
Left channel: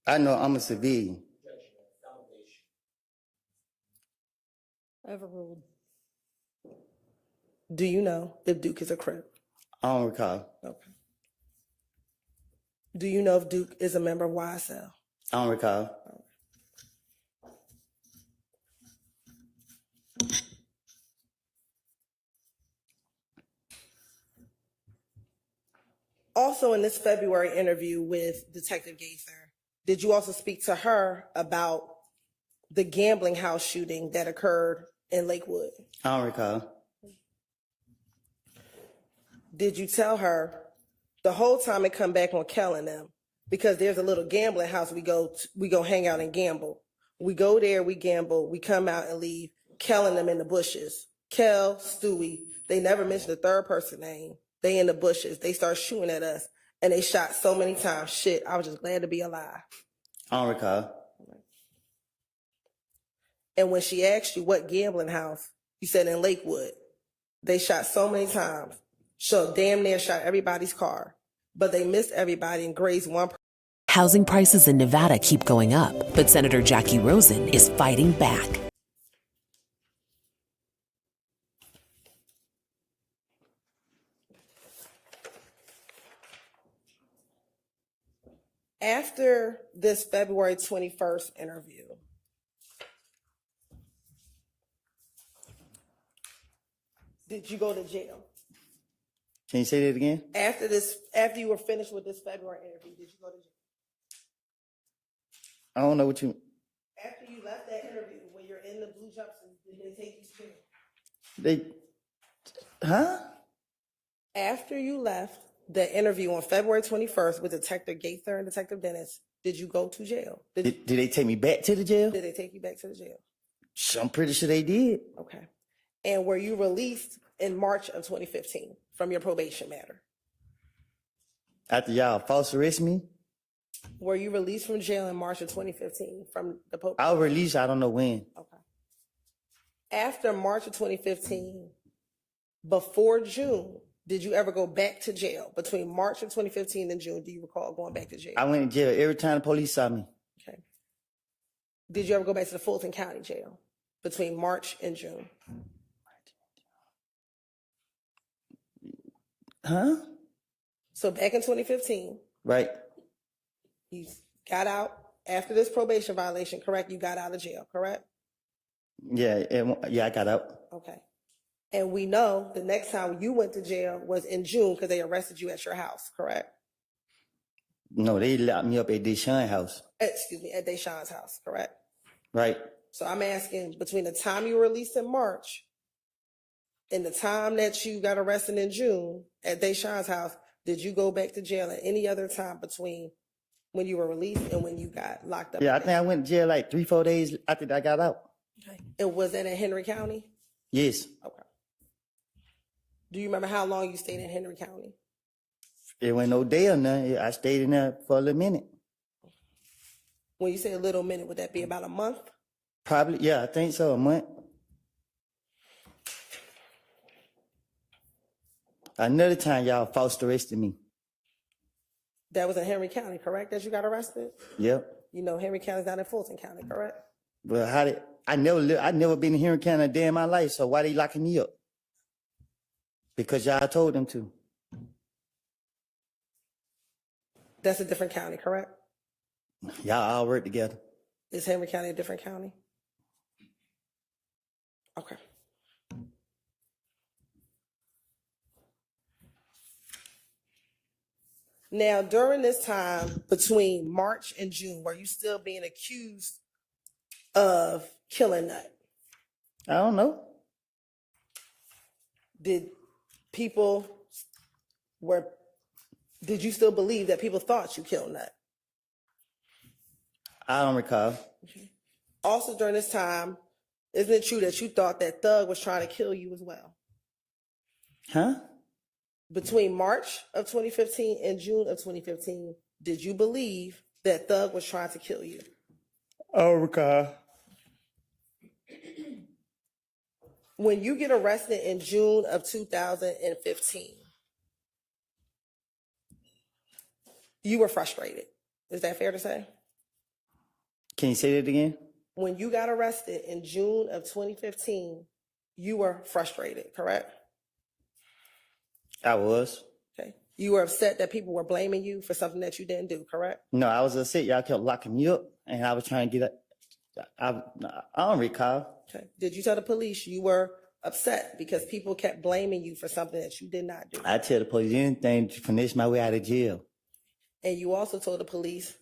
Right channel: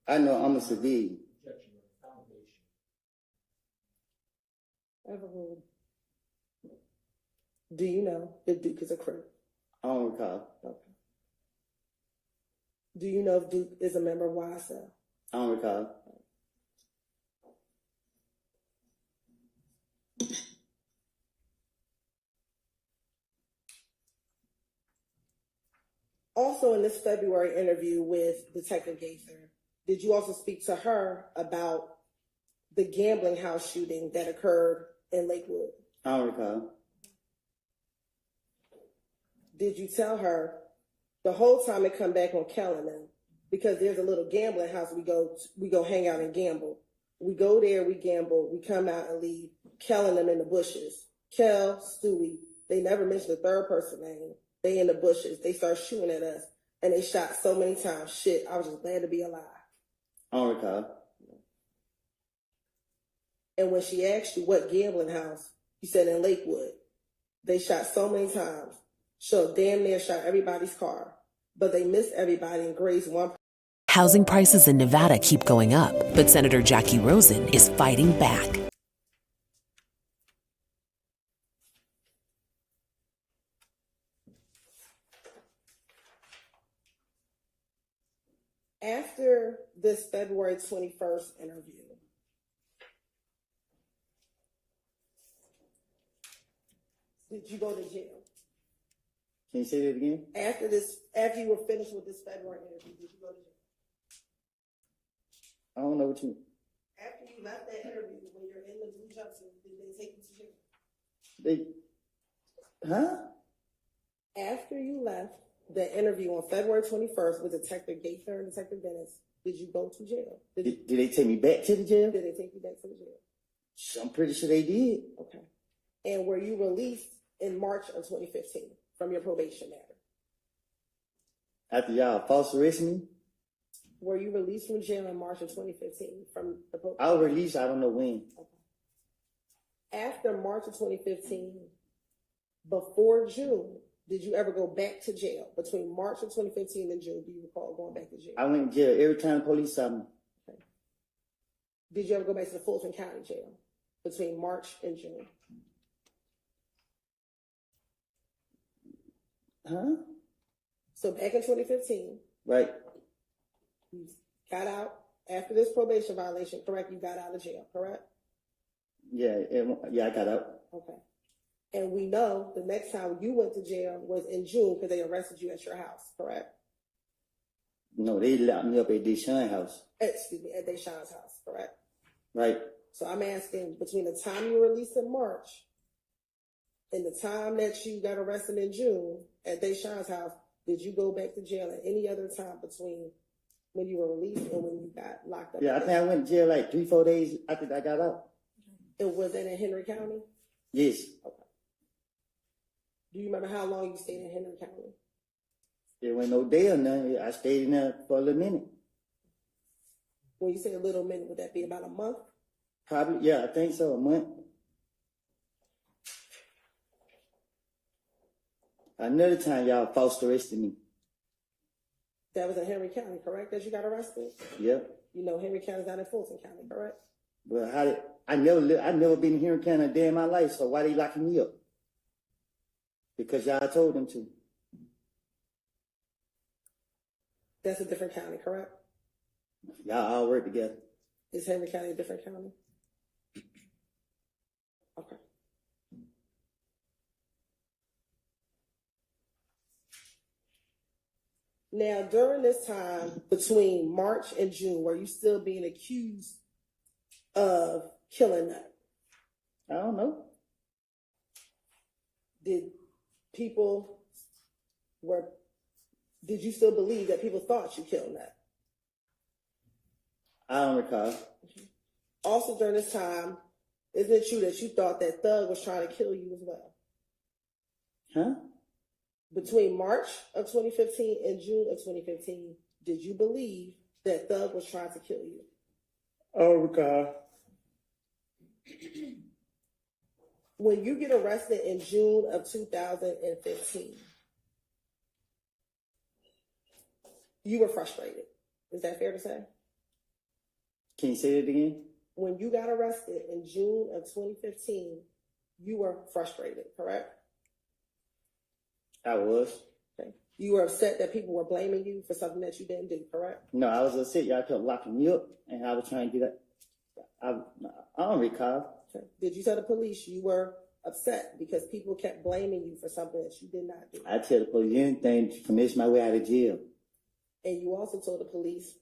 I know I'm a civilian. Overruled. Do you know if Duke is a Crip? I don't recall. Okay. Do you know if Duke is a member of YSL? I don't recall. Also, in this February interview with Detective Gaither, did you also speak to her about the gambling house shooting that occurred in Lakewood? I don't recall. Did you tell her the whole time it come back on Kel and them? Because there's a little gambling house we go hang out and gamble. We go there, we gamble, we come out and leave Kel and them in the bushes. Kel, Stewie, they never mentioned the third person name. They in the bushes. They start shooting at us and they shot so many times. Shit, I was just glad to be alive. I don't recall. And when she asked you what gambling house, you said in Lakewood. They shot so many times. So damn near shot everybody's car. But they missed everybody and grazed one person. Housing prices in Nevada keep going up, but Senator Jackie Rosen is fighting back. After this February 21st interview, did you go to jail? Can you say that again? After you were finished with this February interview, did you go to jail? I don't know what you... After you left that interview, when you're in the blue jumpsuit, did they take you to jail? Huh? After you left the interview on February 21st with Detective Gaither and Detective Dennis, did you go to jail? Did they take me back to the jail? Did they take you back to the jail? I'm pretty sure they did. Okay. And were you released in March of 2015 from your probation matter? After y'all false arrest me? Were you released from jail in March of 2015 from the probation? I was released, I don't know when. Okay. After March of 2015, before June, did you ever go back to jail? Between March of 2015 and June, do you recall going back to jail? I went to jail every time the police saw me. Okay. Did you ever go back to the Fulton County Jail between March and June? Huh? So back in 2015, Right. you got out after this probation violation, correct? You got out of jail, correct? Yeah, I got out. Okay. And we know the next time you went to jail was in June because they arrested you at your house, correct? No, they locked me up at Deshaun's house. Excuse me, at Deshaun's house, correct? Right. So I'm asking, between the time you were released in March and the time that you got arrested in June at Deshaun's house, did you go back to jail at any other time between when you were released and when you got locked up? Yeah, I think I went to jail like 3-4 days after I got out. Okay. And was that in Henry County? Yes. Okay. Do you remember how long you stayed in Henry County? It went no day or nothing. I stayed in there for a little minute. When you say a little minute, would that be about a month? Probably, yeah, I think so, a month. Another time y'all false arrested me. That was in Henry County, correct, that you got arrested? Yep. You know Henry County's not in Fulton County, correct? Well, I never been here in Canada a day in my life, so why they locking me up? Because y'all told them to. That's a different county, correct? Y'all all work together. Is Henry County a different county? Okay. Now, during this time between March and June, were you still being accused of killing Nut? I don't know. Did you still believe that people thought you killed Nut? I don't recall. Also during this time, isn't it true that you thought that Thug was trying to kill you as well? Huh? Between March of 2015 and June of 2015, did you believe that Thug was trying to kill you? I don't recall. When you get arrested in June of 2015, you were frustrated. Is that fair to say? Can you say that again? When you got arrested in June of 2015, you were frustrated, correct? I was. Okay. You were upset that people were blaming you for something that you didn't do, correct? No, I was upset. Y'all kept locking me up, and I was trying to get it. I don't recall. Okay. Did you tell the police you were upset because people kept blaming you for something that you did not do? I tell the police anything to finish my way out of jail. And you also told the police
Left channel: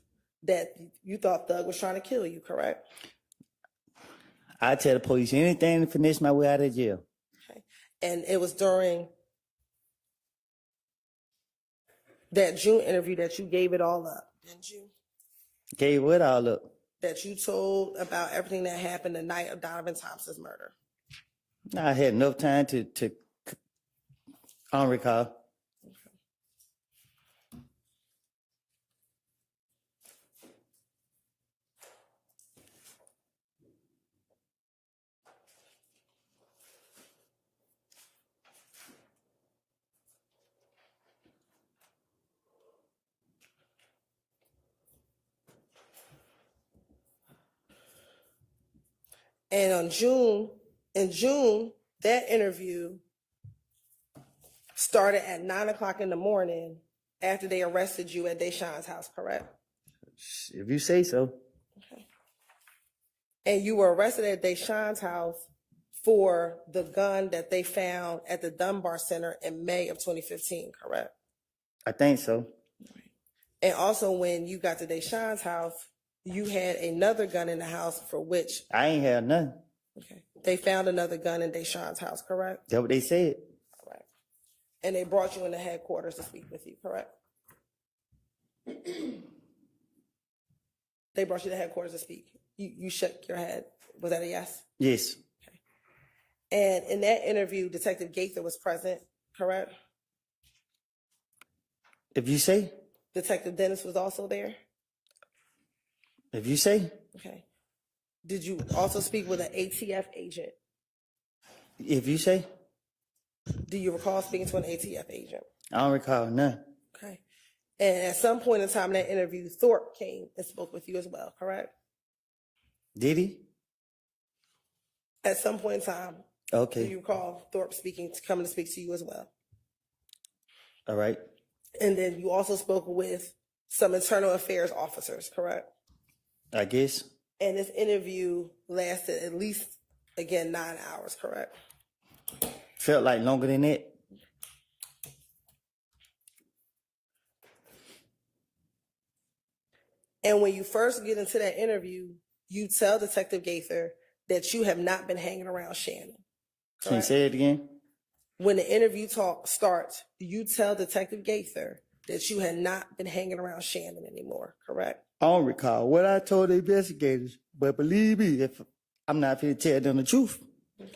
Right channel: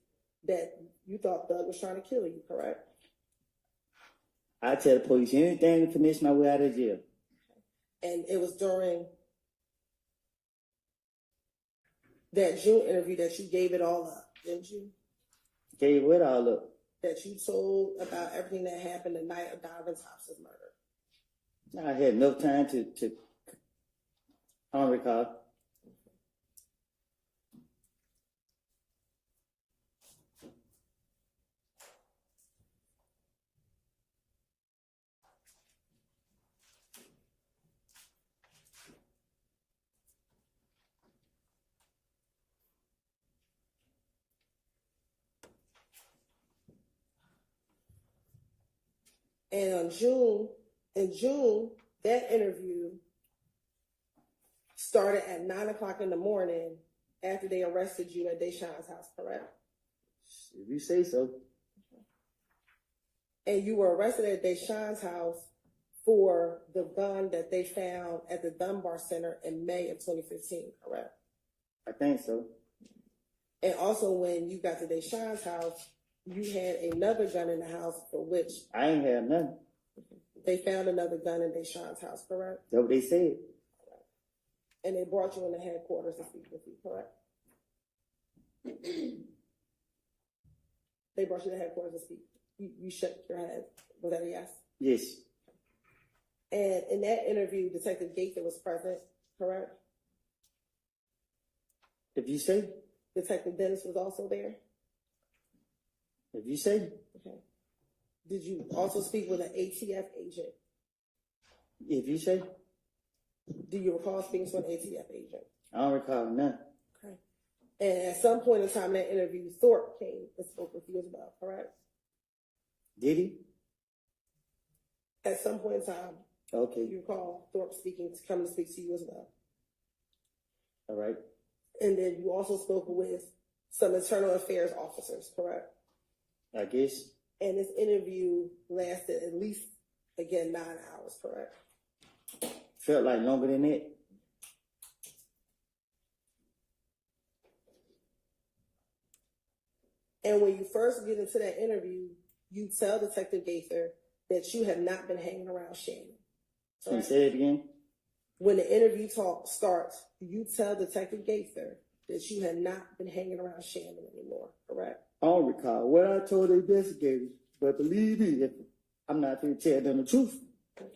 that you thought Thug was trying to kill you, correct? I tell the police anything to finish my way out of jail. Okay. And it was during that June interview that you gave it all up, didn't you? Gave what all up? That you told about everything that happened the night of Donovan Thompson's murder. I had enough time to I don't recall. And in June, that interview started at 9 o'clock in the morning after they arrested you at Deshaun's house, correct? If you say so. And you were arrested at Deshaun's house for the gun that they found at the Dunbar Center in May of 2015, correct? I think so. And also when you got to Deshaun's house, you had another gun in the house for which... I ain't had nothing. Okay. They found another gun in Deshaun's house, correct? That's what they said. Correct. And they brought you into headquarters to speak with you, correct? They brought you to headquarters to speak. You shook your head. Was that a yes? Yes. Okay. And in that interview, Detective Gaither was present, correct? If you say. Detective Dennis was also there? If you say. Okay. Did you also speak with an ATF agent? If you say. Do you recall speaking to an ATF agent? I don't recall none. Okay. And at some point in time in that interview, Thorpe came and spoke with you as well, correct? Did he? At some point in time, Okay. do you recall Thorpe coming to speak to you as well? All right. And then you also spoke with some internal affairs officers, correct? I guess. And this interview lasted at least, again, 9 hours, correct? Felt like longer than that. And when you first get into that interview, you tell Detective Gaither that you have not been hanging around Shannon. Can you correct? say it again? When the interview talk starts, you tell Detective Gaither that you had not been hanging around Shannon anymore, correct? I don't recall what I told the investigators, but believe me, if I'm not going to tell them the truth. Okay.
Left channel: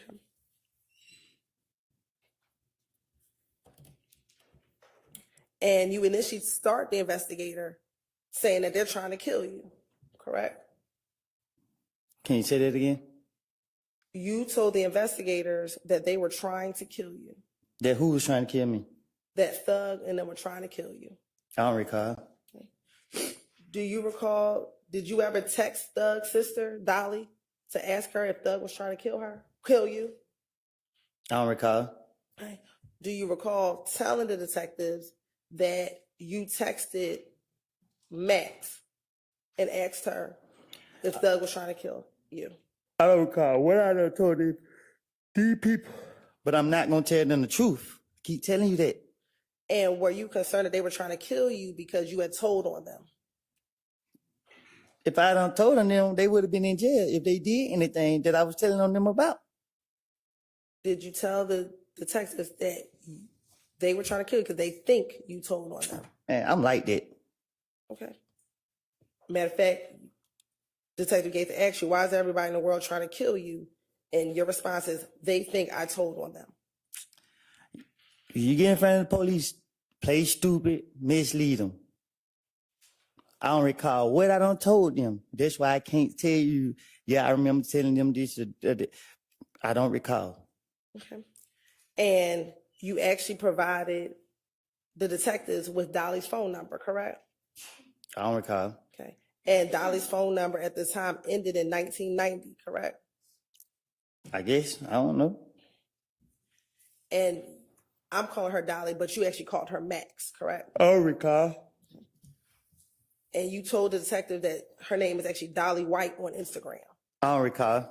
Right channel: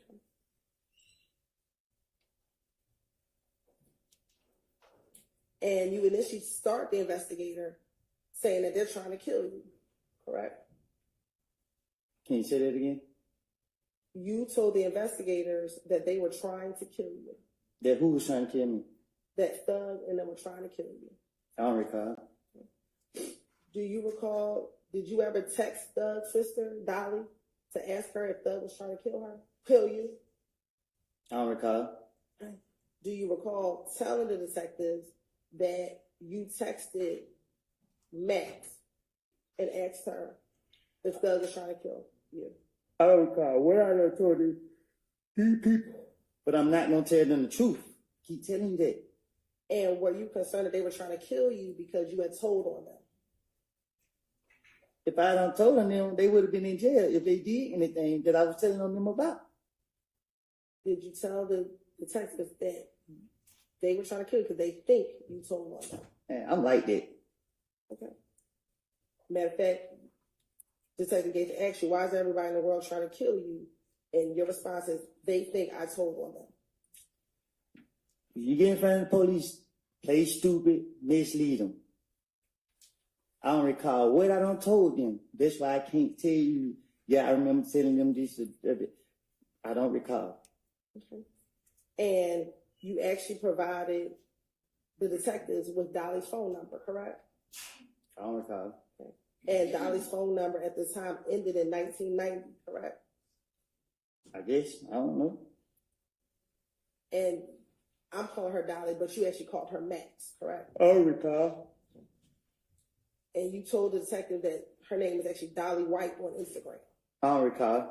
And you initially start the investigator saying that they're trying to kill you, correct? Can you say that again? You told the investigators that they were trying to kill you, That who was trying to kill me? that Thug and them were trying to kill you. I don't recall. Do you recall, did you ever text Thug's sister, Dolly, to ask her if Thug was trying to kill you? I don't recall. Do you recall telling the detectives that you texted Max and asked her if Thug was trying to kill you? I don't recall what I done told these people. But I'm not going to tell them the truth. Keep telling you that. And were you concerned that they were trying to kill you because you had told on them? If I done told on them, they would have been in jail if they did anything that I was telling on them about. Did you tell the detectives that they were trying to kill you because they think you told on them? Man, I'm like that. Okay. Matter of fact, Detective Gates asked you, why is everybody in the world trying to kill you? And your response is, they think I told on them. If you get in front of the police, play stupid, mislead them. I don't recall what I done told them. That's why I can't tell you, yeah, I remember telling them this. I don't recall. Okay. And you actually provided the detectives with Dolly's phone number, correct? I don't recall. Okay. And Dolly's phone number at the time ended in 1990, correct? I guess. I don't know. And I'm calling her Dolly, but you actually called her Max, correct? I don't recall. And you told the detective that her name is actually Dolly White on Instagram. I don't recall.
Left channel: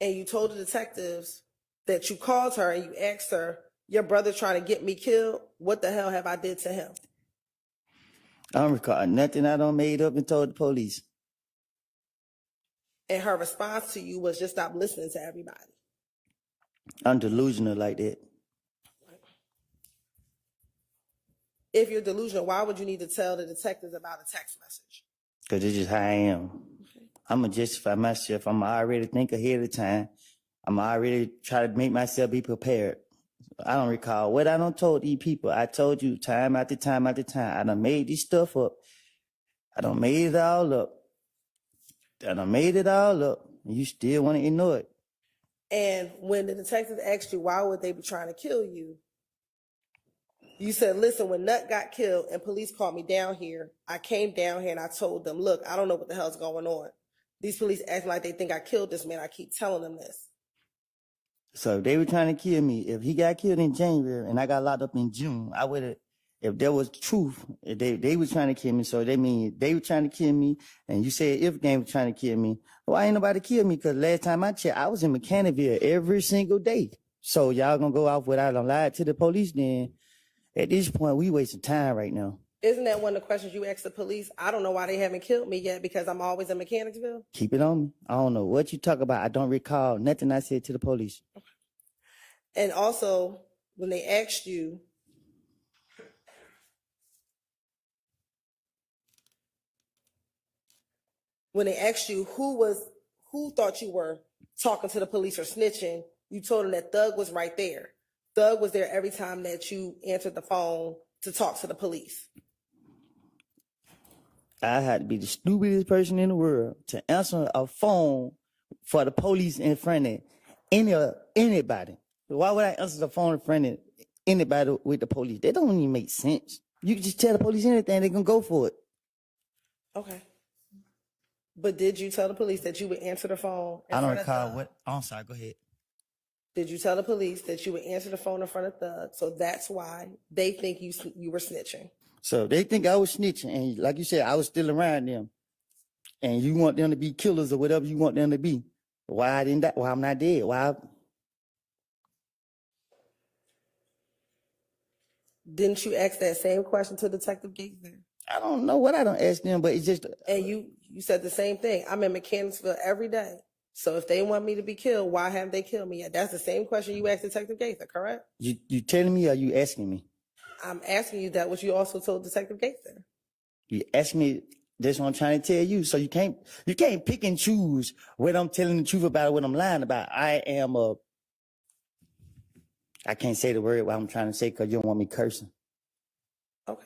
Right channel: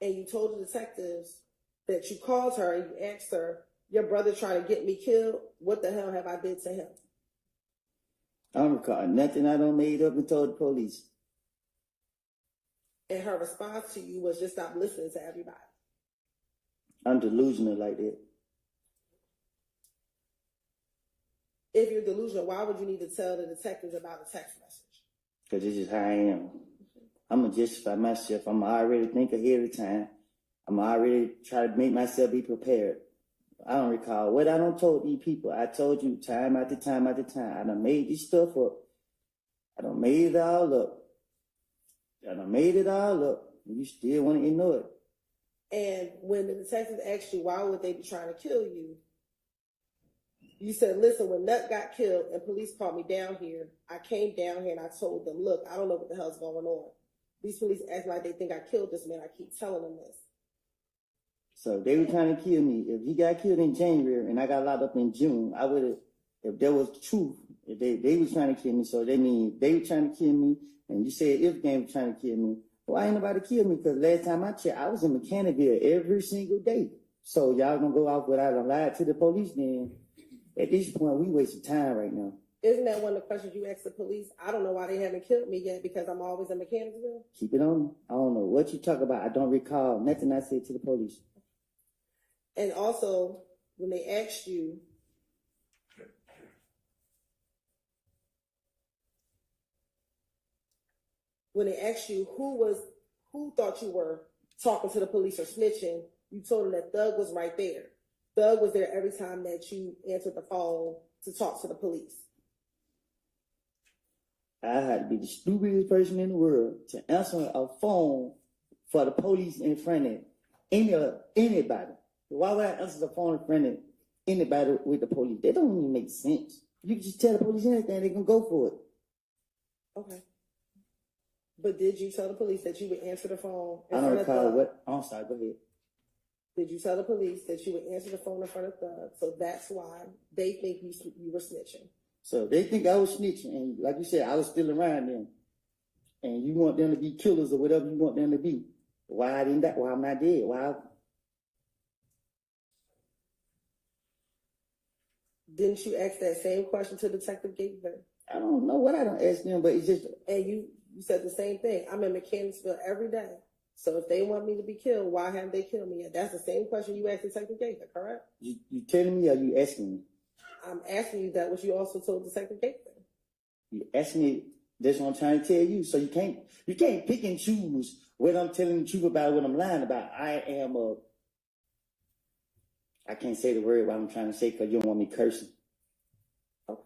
And you told the detectives that you called her and you asked her, your brother trying to get me killed? What the hell have I did to him? I don't recall nothing I done made up and told the police. And her response to you was just stop listening to everybody. I'm delusional like that. If you're delusional, why would you need to tell the detectives about a text message? Because it's just how I am. I'm going to justify myself. I'm already think ahead of time. I'm already try to make myself be prepared. I don't recall what I done told these people. I told you time after time after time. I done made this stuff up. I done made it all up. And you still want to ignore it. And when the detectives asked you, why would they be trying to kill you? You said, listen, when Nut got killed and police called me down here, I came down here and I told them, look, I don't know what the hell's going on. These police acting like they think I killed this man. I keep telling them this. So if they were trying to kill me, if he got killed in January and I got locked up in June, I would have, if there was truth, if they were trying to kill me, so they mean they were trying to kill me, and you said if they were trying to kill me, why ain't nobody kill me? Because last time I checked, I was in Mechanicsville every single day. So y'all gonna go off without a lie to the police then? At this point, we wasting time right now. Isn't that one of the questions you asked the police? I don't know why they haven't killed me yet because I'm always in Mechanicsville. Keep it on me. I don't know what you talk about. I don't recall nothing I said to the police. And also, when they asked you, who thought you were talking to the police or snitching, you told them that Thug was right there. Thug was there every time that you answered the phone to talk to the police. I had to be the stupidest person in the world to answer a phone for the police in front of anybody. Why would I answer the phone in front of anybody with the police? That don't even make sense. You can just tell the police anything, they're going to go for it. Okay. But did you tell the police that you would answer the phone in I don't front of recall Thug? what. I'm sorry, go ahead. Did you tell the police that you would answer the phone in front of Thug? So that's why they think you were snitching. So they think I was snitching, and like you said, I was still around them. And you want them to be killers or whatever you want them to be. Why I didn't die? Why I'm not dead? Why? Didn't you ask that same question to Detective Gaither? I don't know what I don't ask them, but it's just. And you said the same thing. I'm in Mechanicsville every day. So if they want me to be killed, why haven't they killed me yet? That's the same question you asked Detective Gaither, correct? You telling me or you asking me? I'm asking you that what you also told Detective Gaither. You ask me, that's what I'm trying to tell you. So you can't pick and choose what I'm telling the truth about or what I'm lying about. I can't say the word what I'm trying to say because you don't want me cursing. Okay.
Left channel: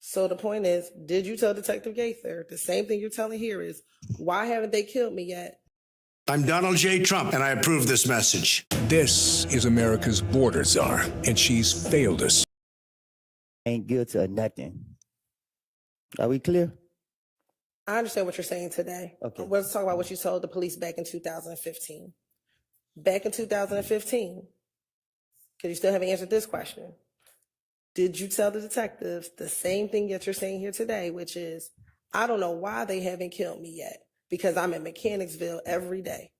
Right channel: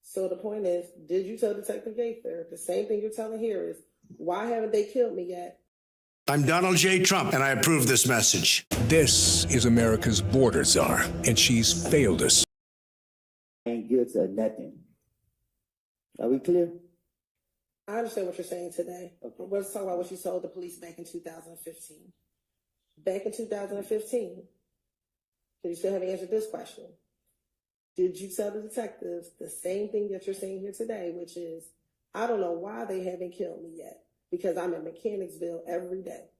So the point is, did you tell Detective Gaither the same thing you're telling here is, why haven't they killed me yet? I'm Donald J. Trump, and I approve this message. This is America's border czar, and she's failed us. Ain't guilty of nothing. Are we clear? I understand what you're saying today. Okay. Let's talk about what you told the police back in 2015. Back in 2015, because you still haven't answered this question. Did you tell the detectives the same thing that you're saying here today, which is, I don't know why they haven't killed me yet, because I'm in Mechanicsville every day?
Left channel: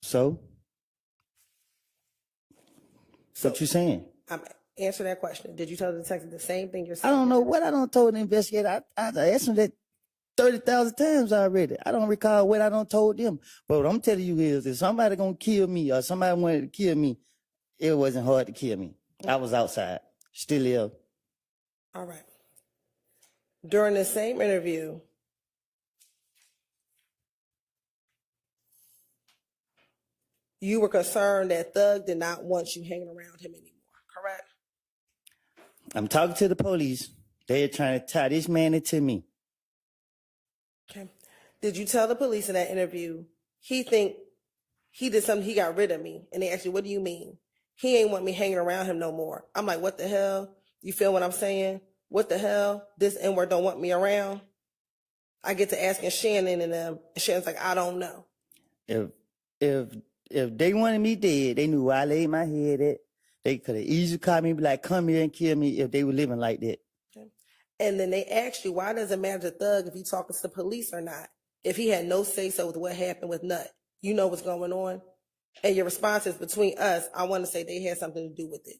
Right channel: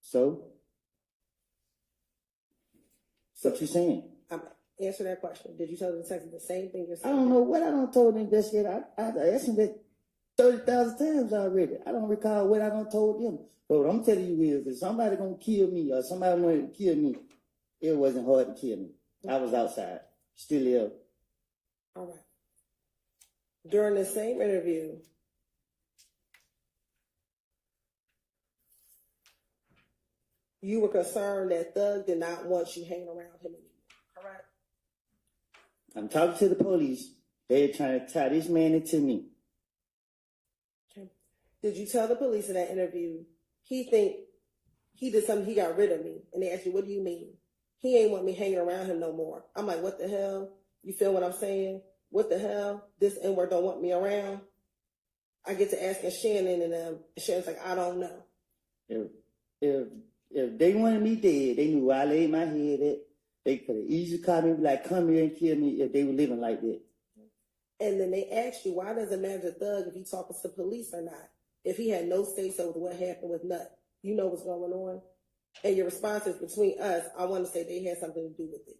So? What you saying? Answer that question. Did you tell the detective the same thing you're I saying? don't know what I done told the investigator. I asked them that 30,000 times already. I don't recall what I done told them. But what I'm telling you is, if somebody gonna kill me or somebody wanted to kill me, it wasn't hard to kill me. I was outside, still ill. All right. During the same interview, you were concerned that Thug did not want you hanging around him anymore, correct? I'm talking to the police. They're trying to tie this man into me. Okay. Did you tell the police in that interview, he did something, he got rid of me? And they asked you, what do you mean? He ain't want me hanging around him no more. I'm like, what the hell? You feel what I'm saying? What the hell? This N-word don't want me around? I get to asking Shannon and them, and Shannon's like, I don't know. If they wanted me dead, they knew where I laid my head at. They could have easily called me and be like, come here and kill me if they were living like that. Okay. And then they asked you, why does it matter to Thug if he talking to the police or not? If he had no say-so with what happened with Nut, you know what's going on? And your response is, between us, I want to say they had something to do with it.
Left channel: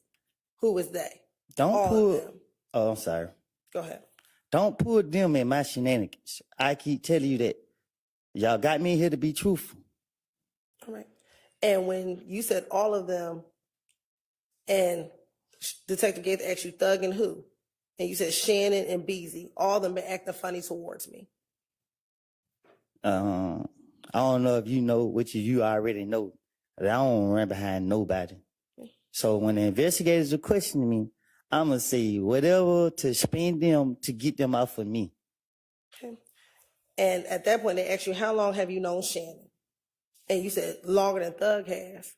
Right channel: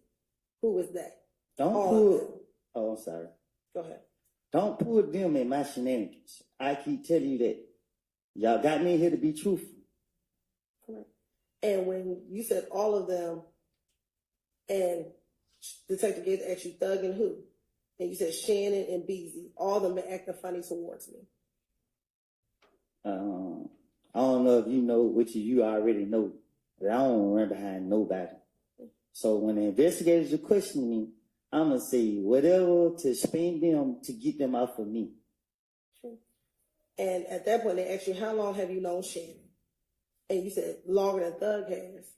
Who is they? Don't All pull. of them. Oh, I'm sorry. Go ahead. Don't pull them in my shenanigans. I keep telling you that. Y'all got me here to be truthful. All right. And when you said all of them, and Detective Gates asked you Thug and who, and you said Shannon and Beezy, all of them been acting funny towards me. I don't know if you know, which you already know, but I don't run behind nobody. So when the investigators are questioning me, I'm going to say whatever to spend them to get them out for me. Okay. And at that point, they asked you, how long have you known Shannon? And you said, longer than Thug has.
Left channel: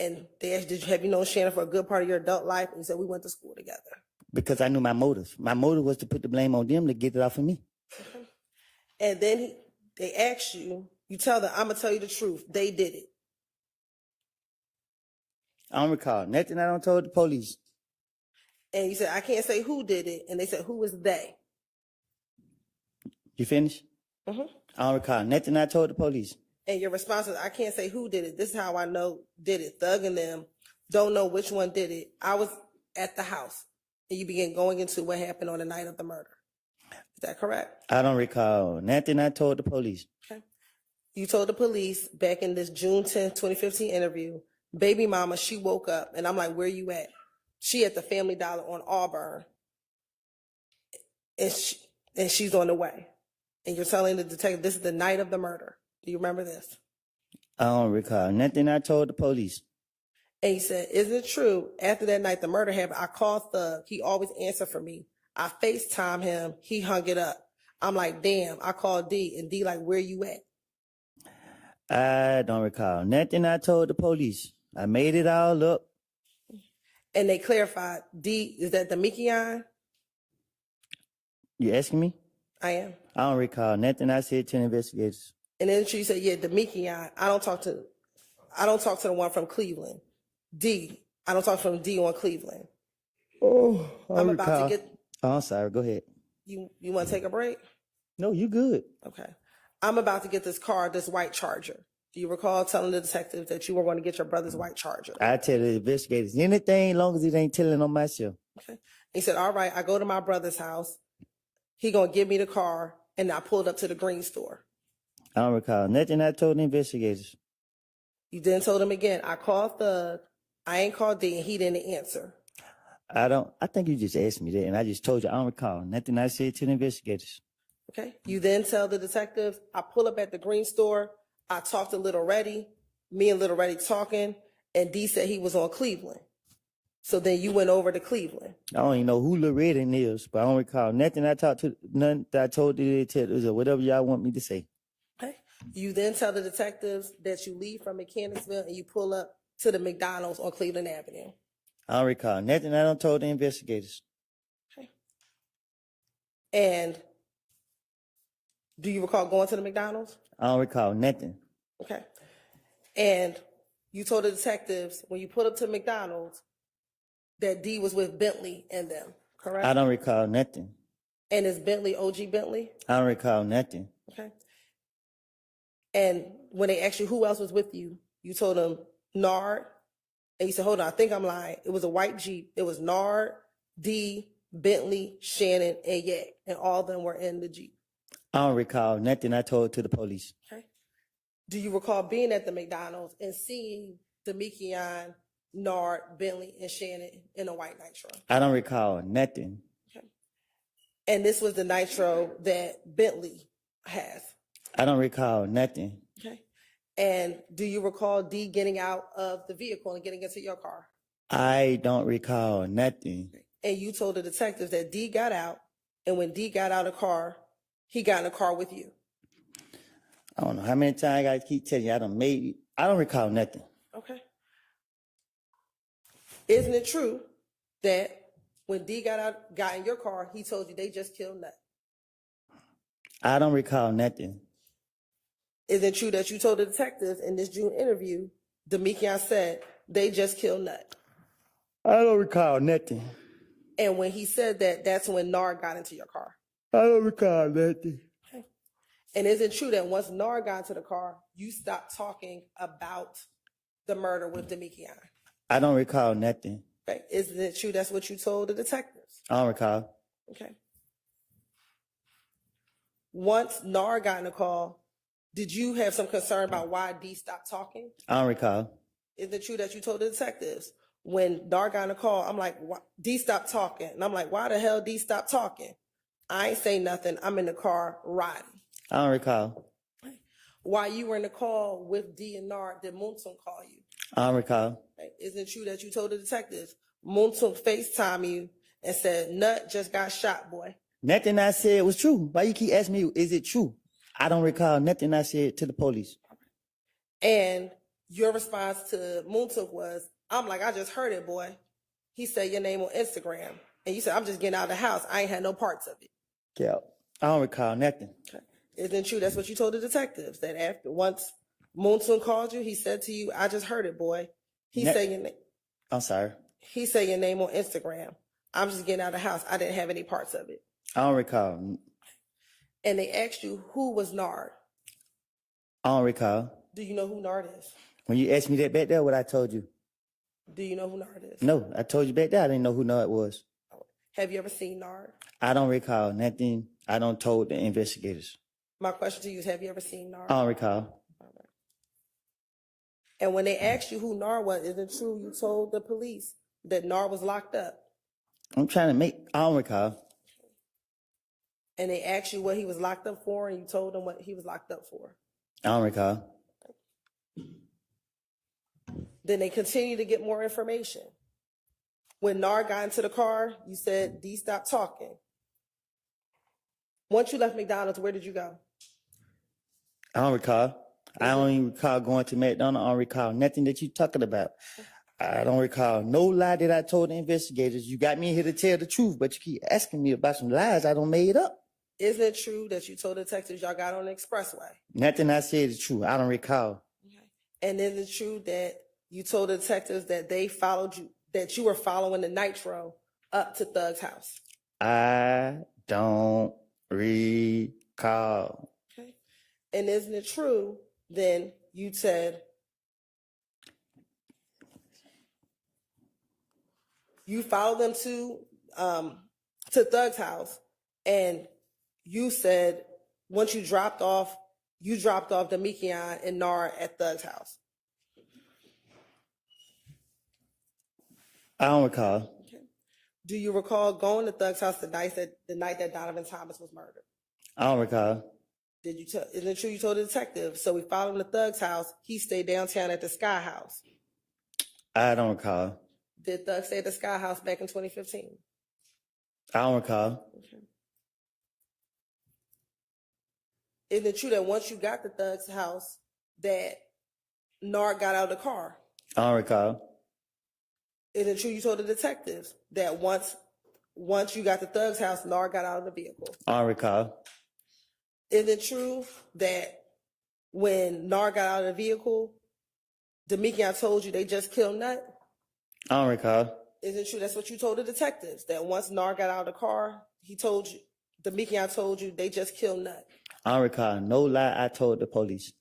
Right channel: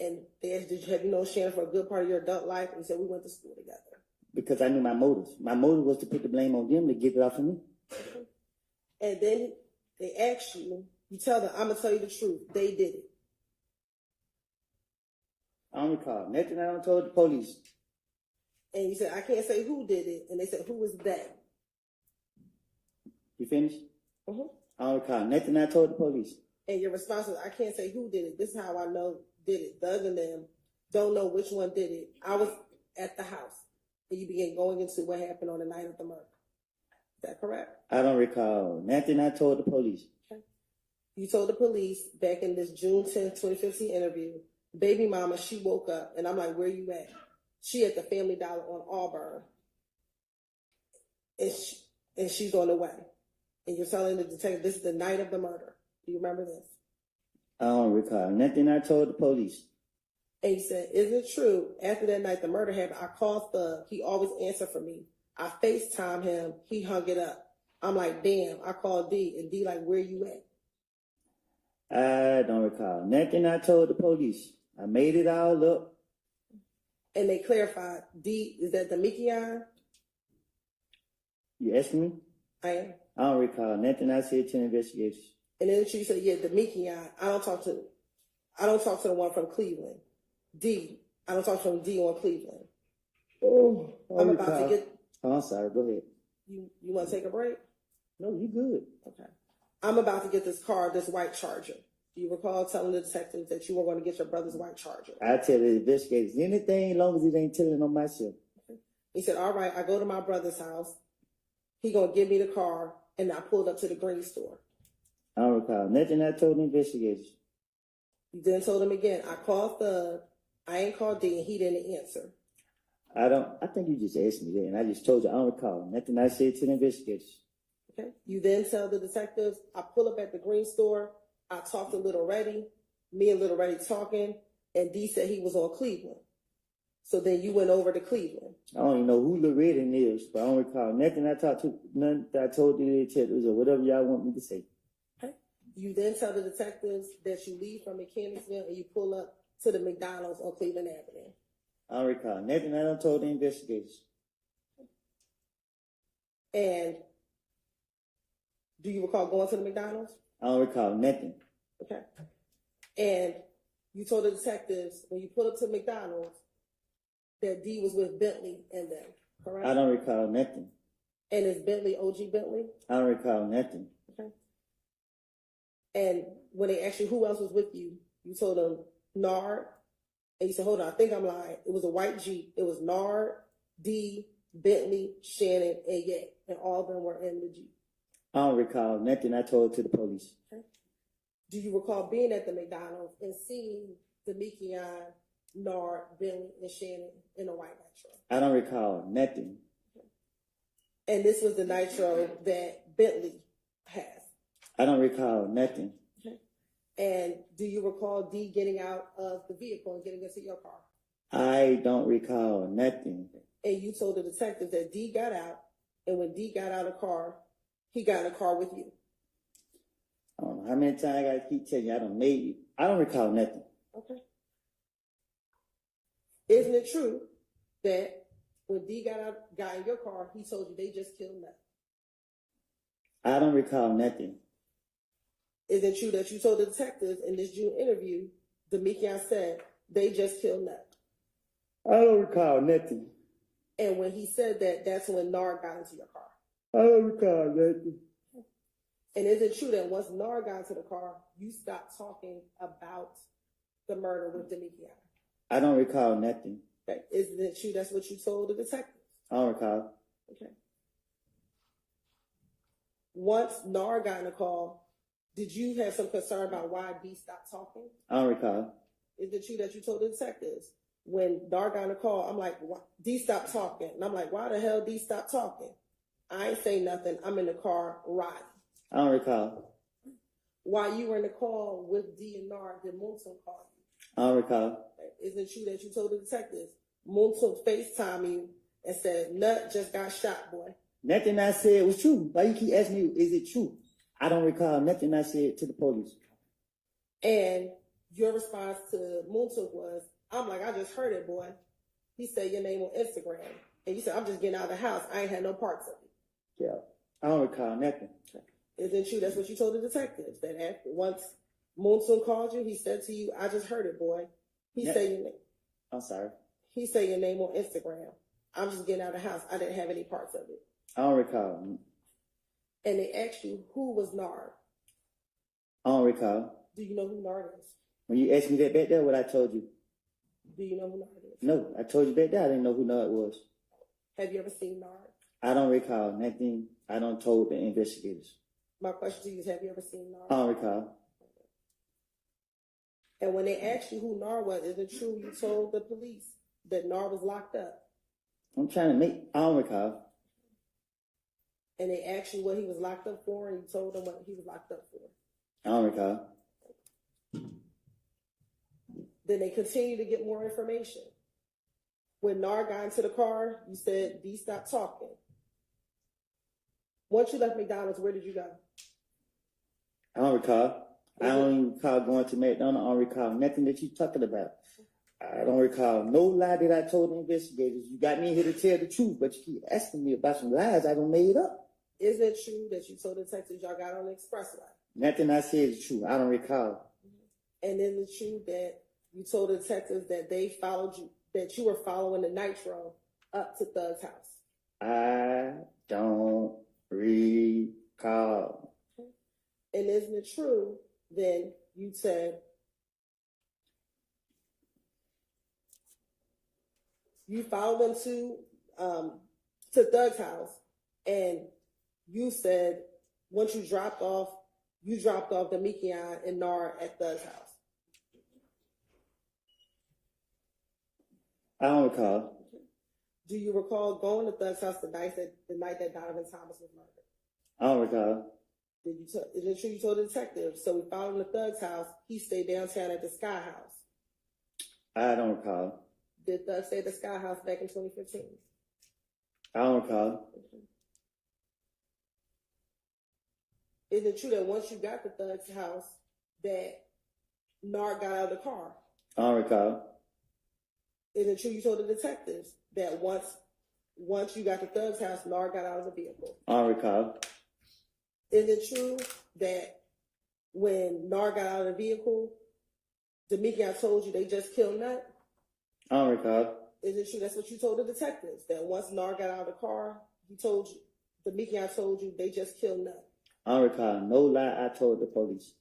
And they asked, have you known Shannon for a good part of your adult life? And you said, we went to school together. Because I knew my motive. My motive was to put the blame on them to get it off of me. And then they asked you, you tell them, I'm going to tell you the truth. They did it. I don't recall nothing I don't told the police. And you said, I can't say who did it. And they said, who is they? You finished? Mm-hmm. I don't recall nothing I told the police. And your response is, I can't say who did it. This is how I know did it. Thug and them don't know which one did it. I was at the house. And you began going into what happened on the night of the murder. Is that correct? I don't recall nothing I told the police. Okay. You told the police back in this June 10th, 2015 interview, baby mama, she woke up. And I'm like, where you at? She at the Family Dollar on Auburn. And she's on the way. And you're telling the detective this is the night of the murder. Do you remember this? I don't recall nothing I told the police. And he said, is it true? After that night the murder happened, I called Thug. He always answered for me. I FaceTime him. He hung it up. I'm like, damn. I called D. And D like, where you at? I don't recall nothing I told the police. I made it all up. And they clarified, D, is that the Mikion? You asking me? I am. I don't recall nothing I said to the investigators. And then she said, yeah, the Mikion. I don't talk to the one from Cleveland. D. I don't talk from D on Cleveland. Oh, I'm about to get. Oh, I'm sorry. Go ahead. You want to take a break? No, you good. Okay. I'm about to get this car, this white Charger. Do you recall telling the detective that you were going to get your brother's white Charger? I tell the investigators anything, long as it ain't telling on myself. Okay. He said, all right, I go to my brother's house. He going to give me the car, and I pulled up to the green store. I don't recall nothing I told the investigators. You then told him again, I called Thug. I ain't called D, and he didn't answer. I think you just asked me that, and I just told you I don't recall nothing I said to the investigators. Okay. You then tell the detective, I pull up at the green store. I talked to Little Reddy. Me and Little Reddy talking, and D said he was on Cleveland. So then you went over to Cleveland. I don't even know who Lil Woody is, but I don't recall nothing I told the detectives or whatever y'all want me to say. You then tell the detectives that you leave from Mechanicsville and you pull up to the McDonald's on Cleveland Avenue. I don't recall nothing I don't told the investigators. And do you recall going to the McDonald's? I don't recall nothing. Okay. And you told the detectives when you pulled up to McDonald's that D was with Bentley and them, correct? I don't recall nothing. And is Bentley OG Bentley? I don't recall nothing. Okay. And when they asked you who else was with you, you told them Nard. And you said, hold on, I think I'm lying. It was a white Jeep. It was Nard, D, Bentley, Shannon, and Yak. And all of them were in the Jeep. I don't recall nothing I told to the police. Okay. Do you recall being at the McDonald's and seeing Demekion, Nard, Bentley, and Shannon in a white Nitro? I don't recall nothing. Okay. And this was the Nitro that Bentley has. I don't recall nothing. Okay. And do you recall D getting out of the vehicle and getting into your car? I don't recall nothing. And you told the detectives that D got out, and when D got out of the car, he got in the car with you. I don't know how many times I gotta keep telling you I don't recall nothing. Okay. Isn't it true that when D got in your car, he told you they just killed Nut? I don't recall nothing. Is it true that you told the detectives in this June interview, Demekion said they just killed Nut? I don't recall nothing. And when he said that, that's when Nard got into your car. I don't recall nothing. Okay. And is it true that once Nard got into the car, you stopped talking about the murder with Demekion? I don't recall nothing. Okay. Isn't it true that's what you told the detectives? I don't recall. Okay. Once Nard got in the call, did you have some concern about why D stopped talking? I don't recall. Is it true that you told the detectives when Nard got in the call, I'm like, D stopped talking. And I'm like, why the hell D stopped talking? I ain't say nothing. I'm in the car riding. I don't recall. While you were in the call with D and Nard, did Moontum call you? I don't recall. Okay. Is it true that you told the detectives Moontum FaceTime you and said, Nut just got shot, boy? Nothing I said was true. Why you keep asking me, is it true? I don't recall nothing I said to the police. And your response to Moontum was, I'm like, I just heard it, boy. He said your name on Instagram. And you said, I'm just getting out of the house. I ain't had no parts of it. Yeah. I don't recall nothing. Okay. Isn't it true that's what you told the detectives? That after once Moontum called you, he said to you, I just heard it, boy. He said your name. I'm sorry. He said your name on Instagram. I'm just getting out of the house. I didn't have any parts of it. I don't recall. And they asked you, who was Nard? I don't recall. Do you know who Nard is? When you asked me that back there, what I told you? Do you know who Nard is? No, I told you back there I didn't know who Nard was. Have you ever seen Nard? I don't recall nothing I don't told the investigators. My question to you is, have you ever seen Nard? I don't recall. And when they asked you who Nard was, is it true you told the police that Nard was locked up? I'm trying to I don't recall. And they asked you what he was locked up for, and you told them what he was locked up for? I don't recall. Then they continued to get more information. When Nard got into the car, you said, D, stop talking. Once you left McDonald's, where did you go? I don't recall. I don't even recall going to McDonald's. I don't recall nothing that you're talking about. I don't recall no lie that I told the investigators. You got me in here to tell the truth, but you keep asking me about some lies I don't made up. Is it true that you told the detectives y'all got on the expressway? Nothing I said is true. I don't recall. And is it true that you told the detectives that they followed you, that you were following the Nitro up to Thug's house? I don't recall. Okay. And isn't it true then you said you followed them to Thug's house, and you said once you dropped off Demekion and Nard at Thug's house? I don't recall. Okay. Do you recall going to Thug's house the night that Donovan Thomas was murdered? I don't recall. Isn't it true you told the detective? So we followed him to Thug's house. He stayed downtown at the Sky House. I don't recall. Did Thug stay at the Sky House back in 2015? I don't recall. Okay. Isn't it true that once you got the thug's house, that Nard got out of the car? I don't recall. Isn't it true you told the detectives that once you got the thug's house, Nard got out of the vehicle? I don't recall. Is it true that when Nard got out of the vehicle, Demekion told you they just killed Nut? I don't recall. Is it true that's what you told the detectives, that once Nard got out of the car, he told you, Demekion told you they just killed Nut? I don't recall. No lie I told the police.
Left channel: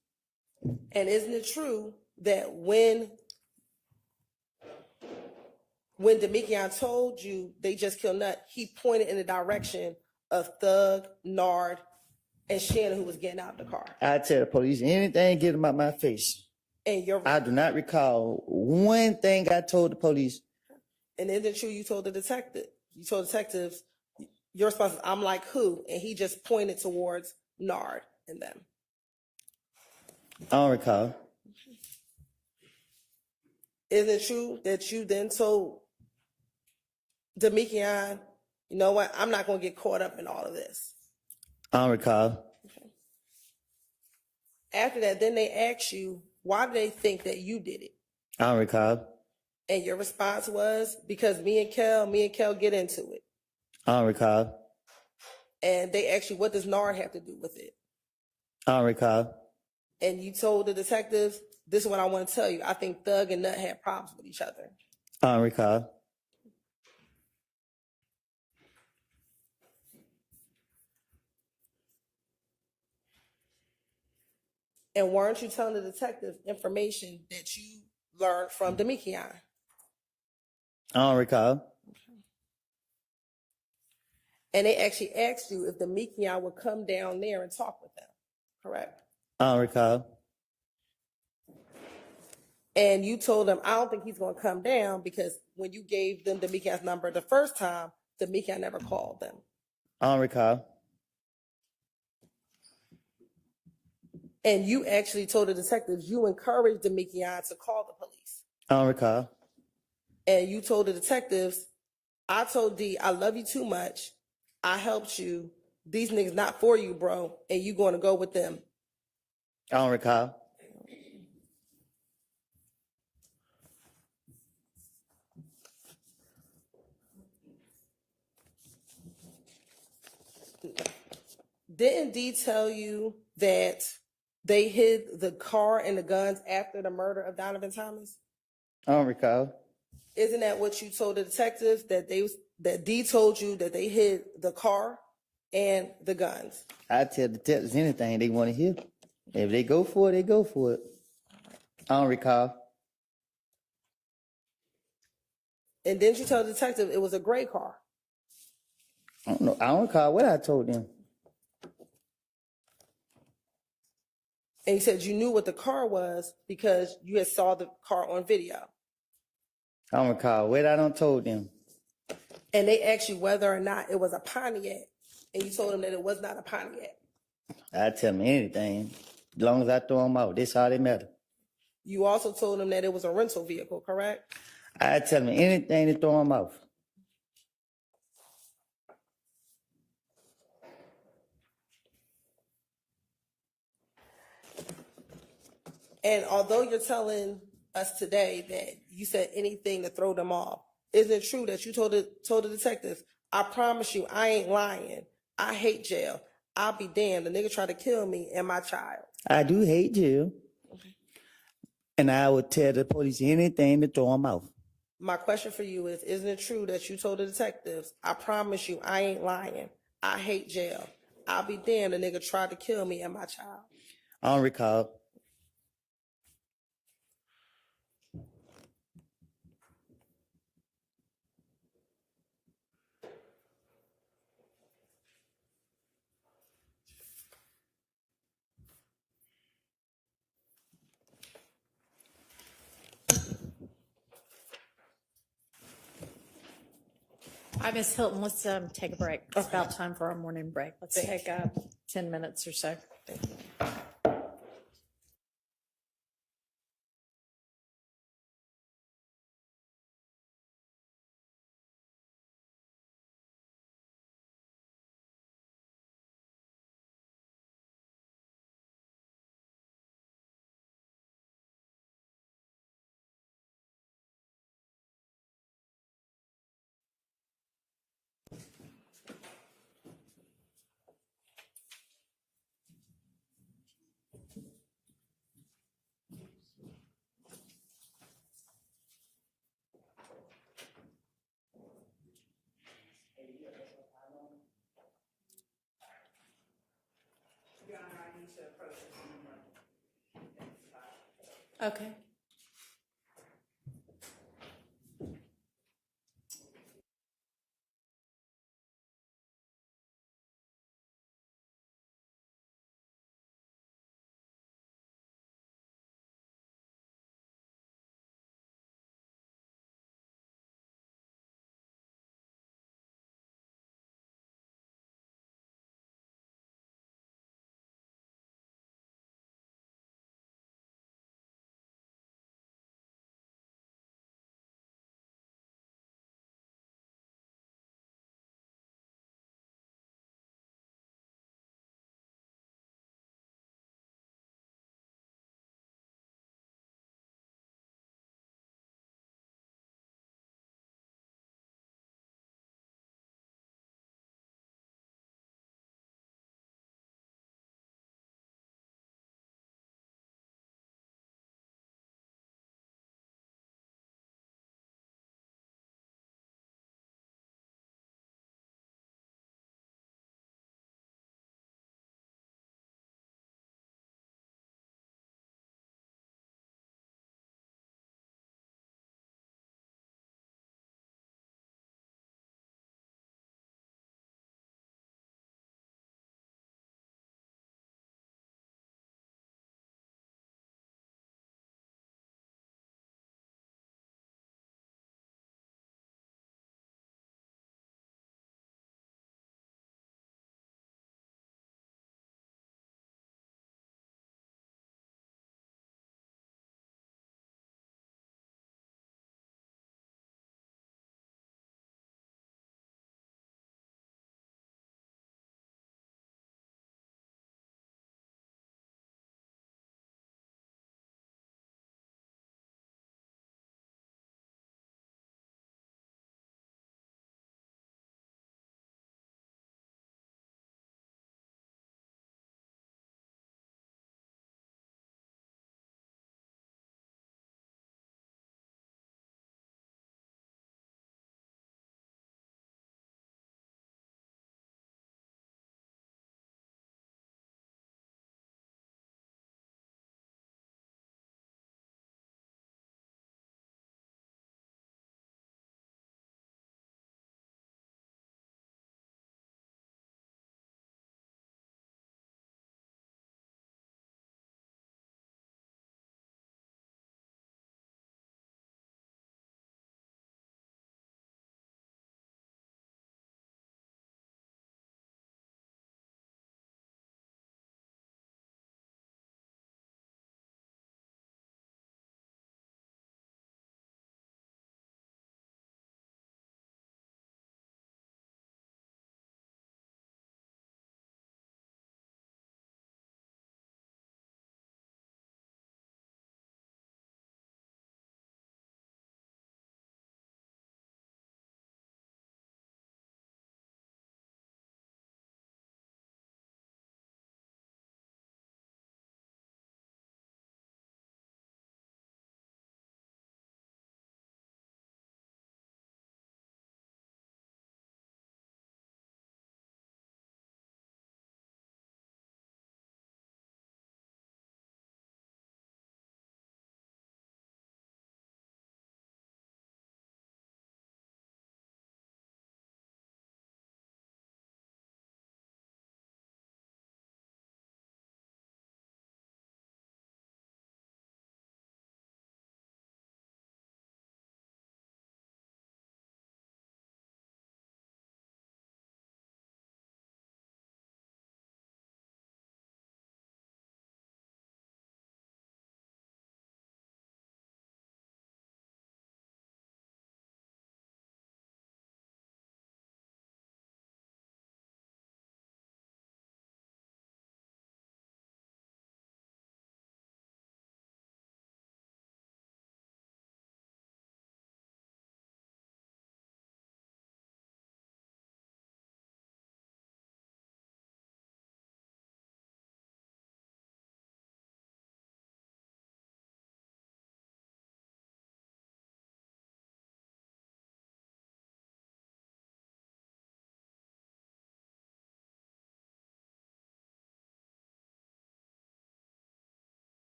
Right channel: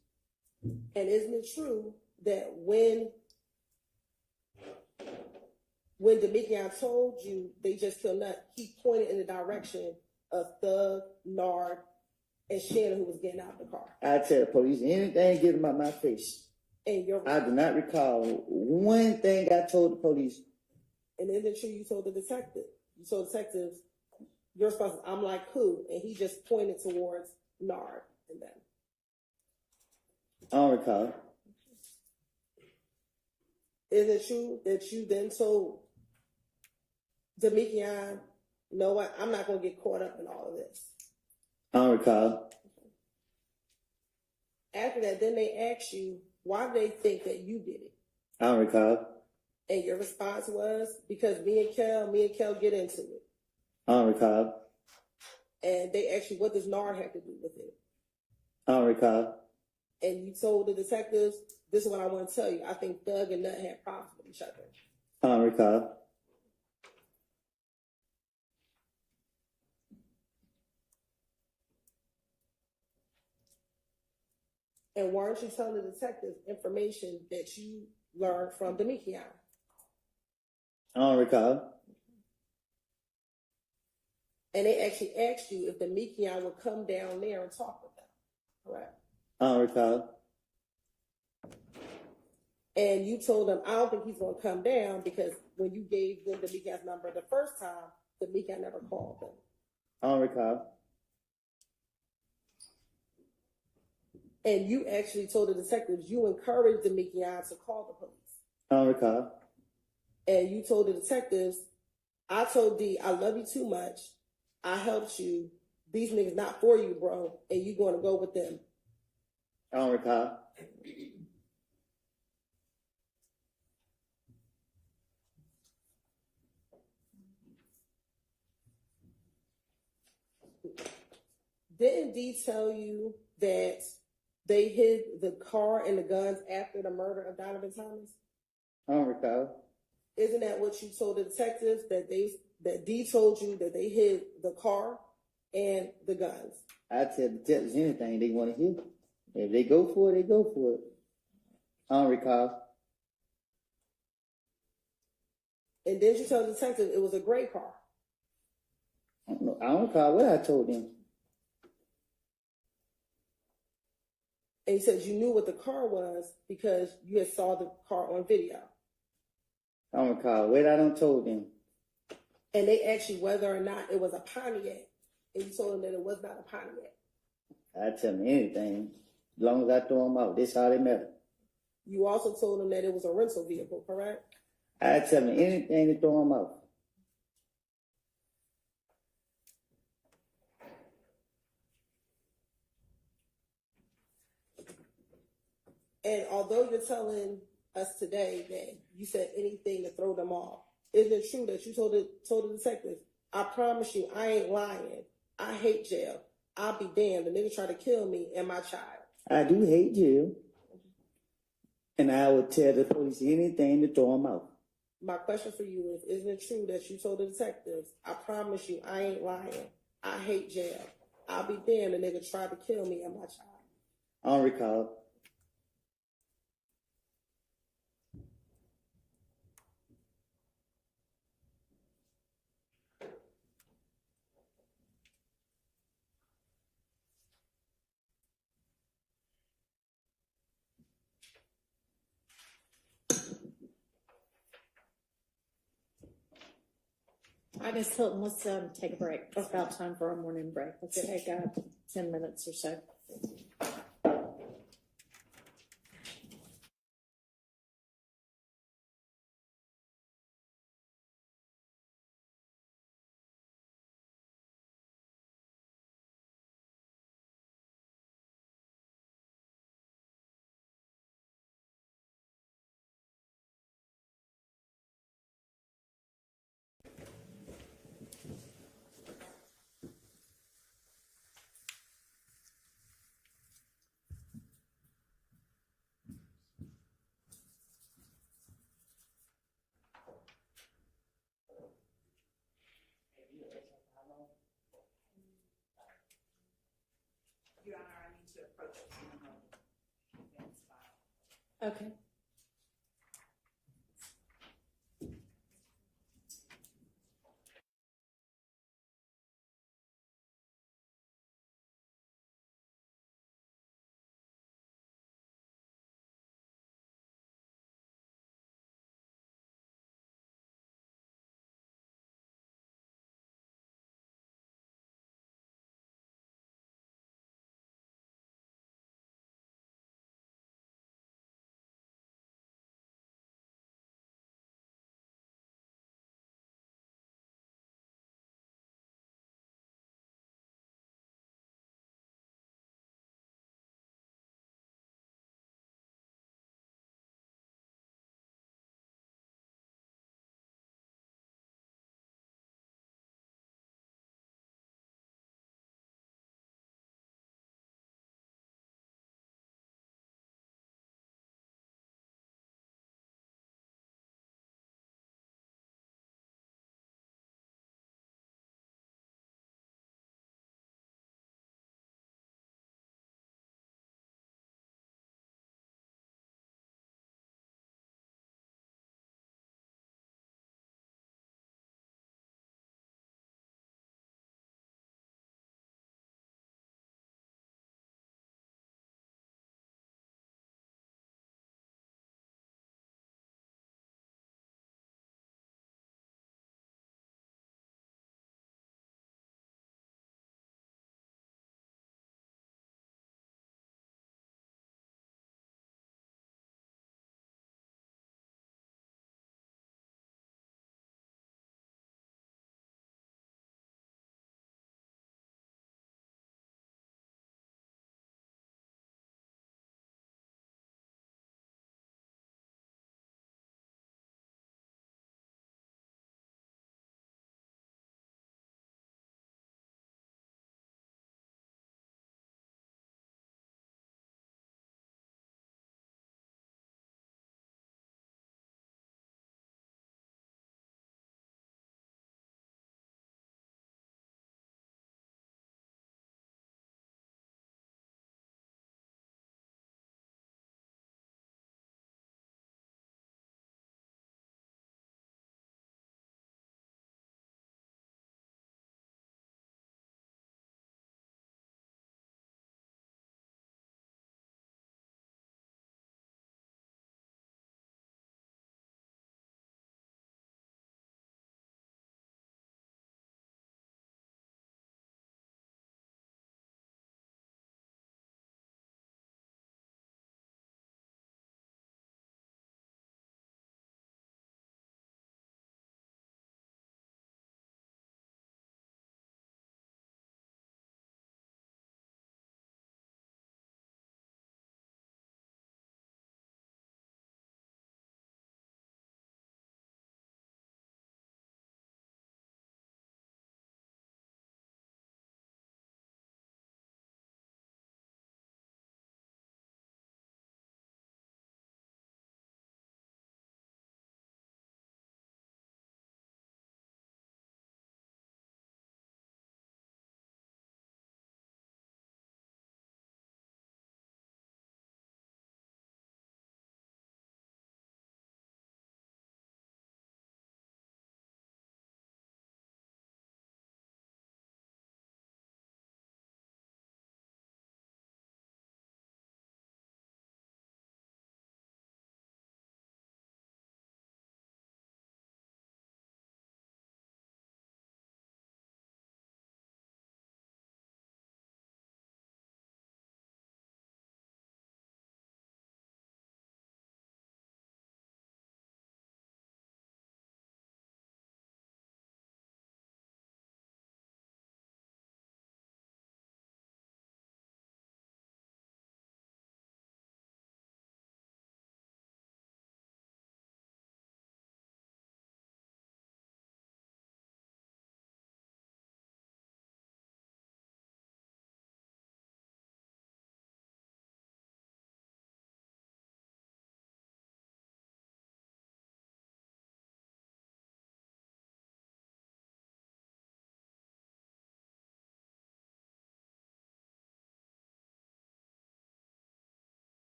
And isn't it true that when Demekion told you they just killed Nut, he pointed in the direction of Thug, Nard, and Shannon, who was getting out of the car? I tell the police anything get them out my face. And I do not recall one thing I told the police. And isn't it true you told the detectives, your response is, I'm like who? And he just pointed towards Nard and them. I don't recall. Is it true that you then told Demekion, you know what, I'm not going to get caught up in all of this? I don't recall. After that, then they asked you, why do they think that you did it? I don't recall. And your response was, because me and Kel get into it. I don't recall. And they asked you, what does Nard have to do with it? I don't recall. And you told the detectives, this is what I want to tell you. I think Thug and Nut had problems with each other. I don't recall. And weren't you telling the detectives information that you learned from Demekion? I don't recall. And they actually asked you if Demekion would come down there and talk with them, correct? I don't recall. And you told them, I don't think he's going to come down because when you gave them Demekion's number the first time, Demekion never called them. I don't recall. And you actually told the detectives you encouraged Demekion to call the police. I don't recall. And you told the detectives, I told D, I love you too much. I helped you. These niggas not for you, bro. And you going to go with them. I don't recall. Didn't D tell you that they hid the car and the guns after the murder of Donovan Thomas? I don't recall. Isn't that what you told the detectives, that D told you that they hid the car and the guns? I tell the detectives anything they want to hear. If they go for it, they go for it. I don't recall. And didn't you tell the detective it was a gray car? I don't know. I don't recall what I told them. And you said you knew what the car was because you had saw the car on video. I don't recall what I don't told them. And they asked you whether or not it was a Pontiac. And you told them that it was not a Pontiac. I tell them anything. As long as I throw them out, that's how they matter. You also told them that it was a rental vehicle, correct? I tell them anything to throw them off. And although you're telling us today that you said anything to throw them off, isn't it true that you told the detectives, I promise you, I ain't lying. I hate jail. I'll be damned. The nigga tried to kill me and my child. I do hate jail. And I would tell the police anything to throw them off. My question for you is, isn't it true that you told the detectives, I promise you, I ain't lying. I hate jail. I'll be damned. The nigga tried to kill me and my child. I don't recall. Hi, Miss Hilton, let's take a break. It's about time for our morning break. Let's take 10 minutes or so. Your Honor, I need to approach it from the front. Okay.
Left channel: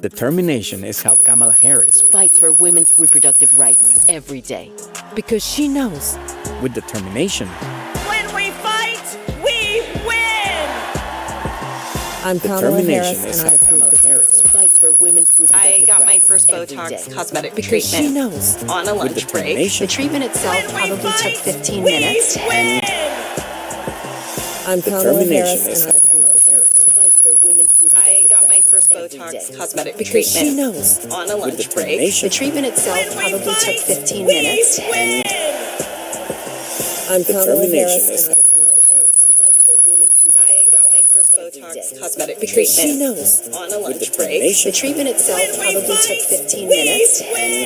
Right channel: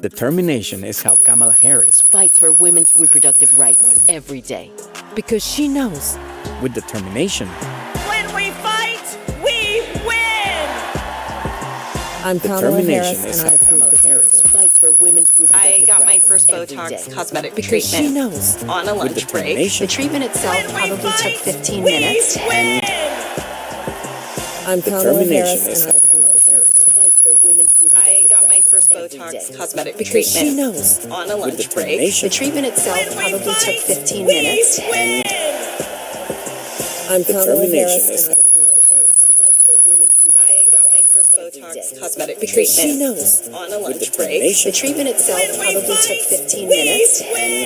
Determination is how Kamala Harris Fights for women's reproductive rights every day. Because she knows with determination. When we fight, we win! I'm Kamala Determination Harris, is and I how approve Kamala this. Harris fights for women's reproductive rights. I got my first every Botox day. cosmetic Because she treatment knows on a with lunch break. the determination. treatment itself When we probably fight, took 15 we minutes. win! I'm Kamala Determination Harris, is and I how approve Kamala this. Harris Fights for women's reproductive I got my rights first every Botox day. cosmetic Because she treatment knows on a with lunch break. determination. the treatment itself When we probably fight, took 15 we minutes. win! I'm Kamala Determination Harris, is and I how approve Kamala this. Harris Fights for women's reproductive I got my rights first every Botox day. cosmetic Because she treatment knows on a with lunch break. determination. the treatment itself When we probably took fight, 15 we minutes. win!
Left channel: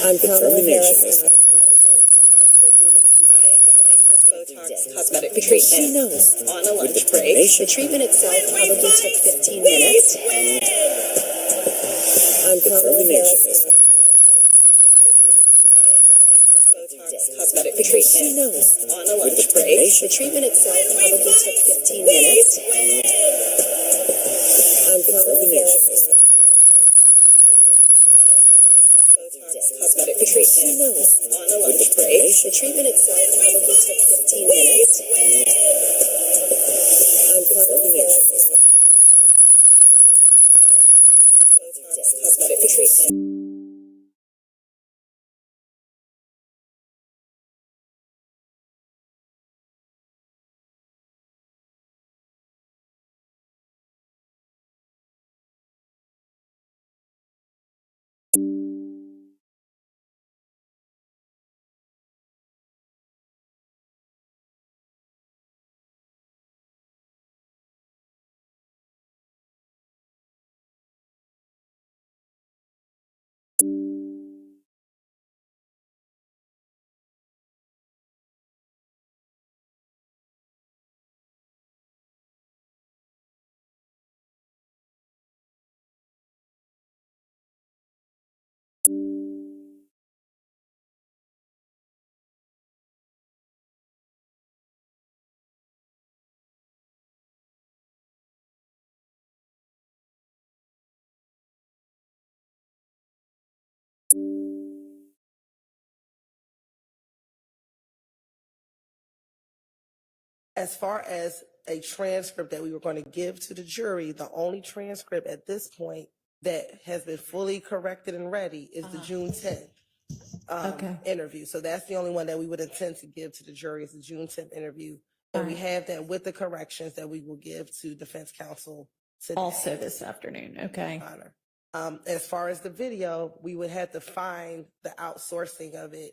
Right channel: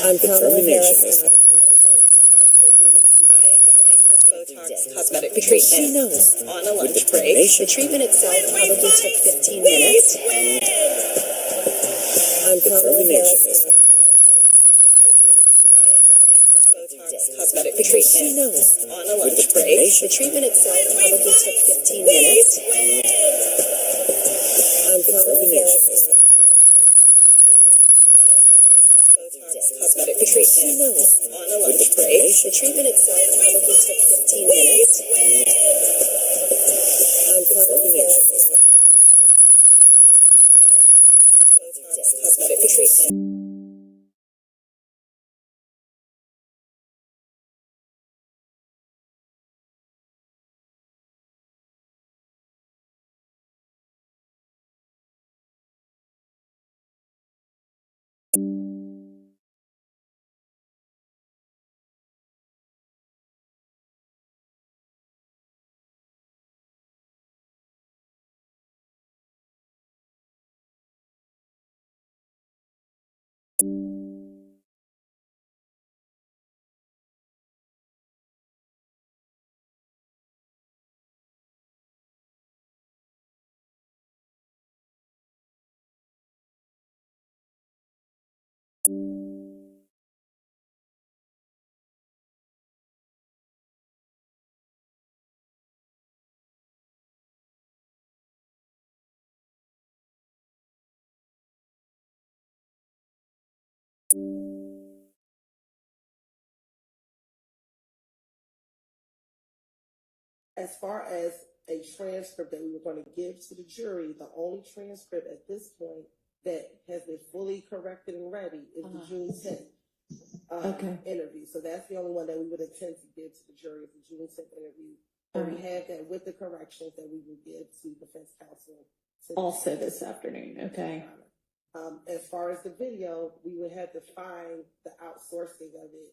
I'm Kamala Determination Harris, is and how I approve this. Fights for women's I reproductive got my rights first every Botox day. cosmetic Because she treatment knows on a with lunch break. determination. the treatment itself When we probably took fight, 15 we minutes. win! I'm Kamala Determination Harris, is and I how Kamala Harris. Fights for women's I got my first every Botox day. cosmetic Because she treatment knows on a lunch break. determination. the treatment itself When we probably took fight, 15 we minutes. win! I'm Kamala Determination Harris, is and I how Kamala Harris. I got my first Botox cosmetic Because she treatment knows on a lunch break. the treatment itself probably took 15 minutes. I'm Kamala Harris, and I Cosmetic treatment. As far as a transcript that we were going to give to the jury, the only transcript at this point that has been fully corrected and ready is the June 10th interview. So that's the only one that we would intend to give to the jury is the June 10th interview. And we have that with the corrections that we will give to defense counsel today. Also this afternoon, okay. Honor. As far as the video, we would have to find the outsourcing of it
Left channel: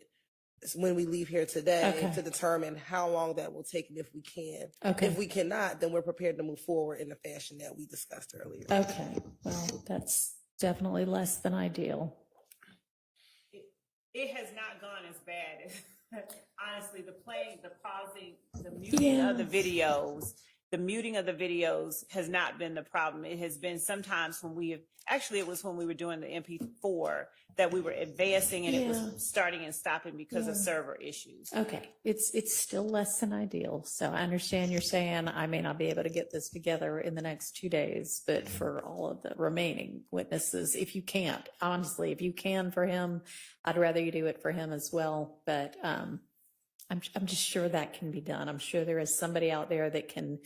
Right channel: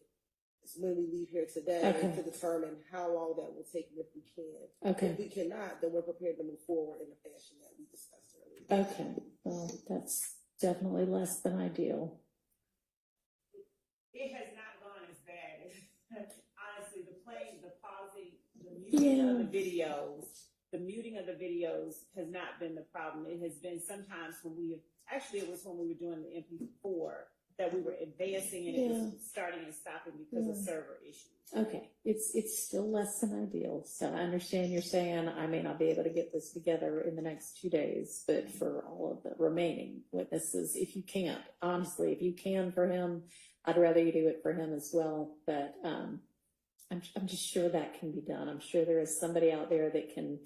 when we leave here today to determine how long that will take and if we can. Okay. If we cannot, then we're prepared to move forward in the fashion that we discussed earlier. Okay, well, that's definitely less than ideal. It has not gone as bad as, honestly, the playing, the pausing, the muting of the videos has not been the problem. It has been sometimes when it was when we were doing the MP4 that we were advancing and it was starting and stopping because of server issues. Okay, it's still less than ideal. So I understand you're saying I may not be able to get this together in the next 2 days, but for all of the remaining witnesses, if you can't, honestly, if you can for him, I'd rather you do it for him as well. But I'm just sure that can be done. I'm sure there is somebody out there that can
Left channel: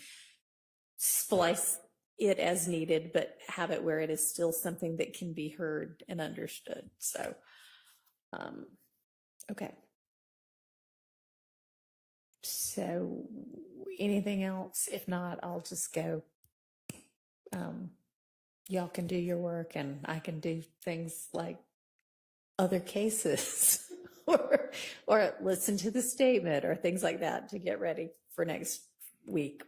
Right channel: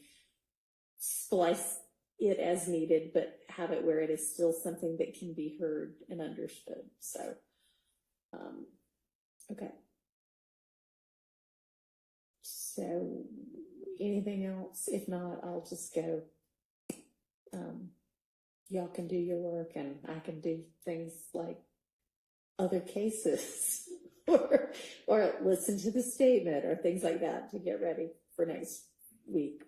splice it as needed, but have it where it is still something that can be heard and understood. So, okay. So anything else? If not, I'll just go. Y'all can do your work and I can do things like other cases or listen to the statement or things like that to get ready for next week.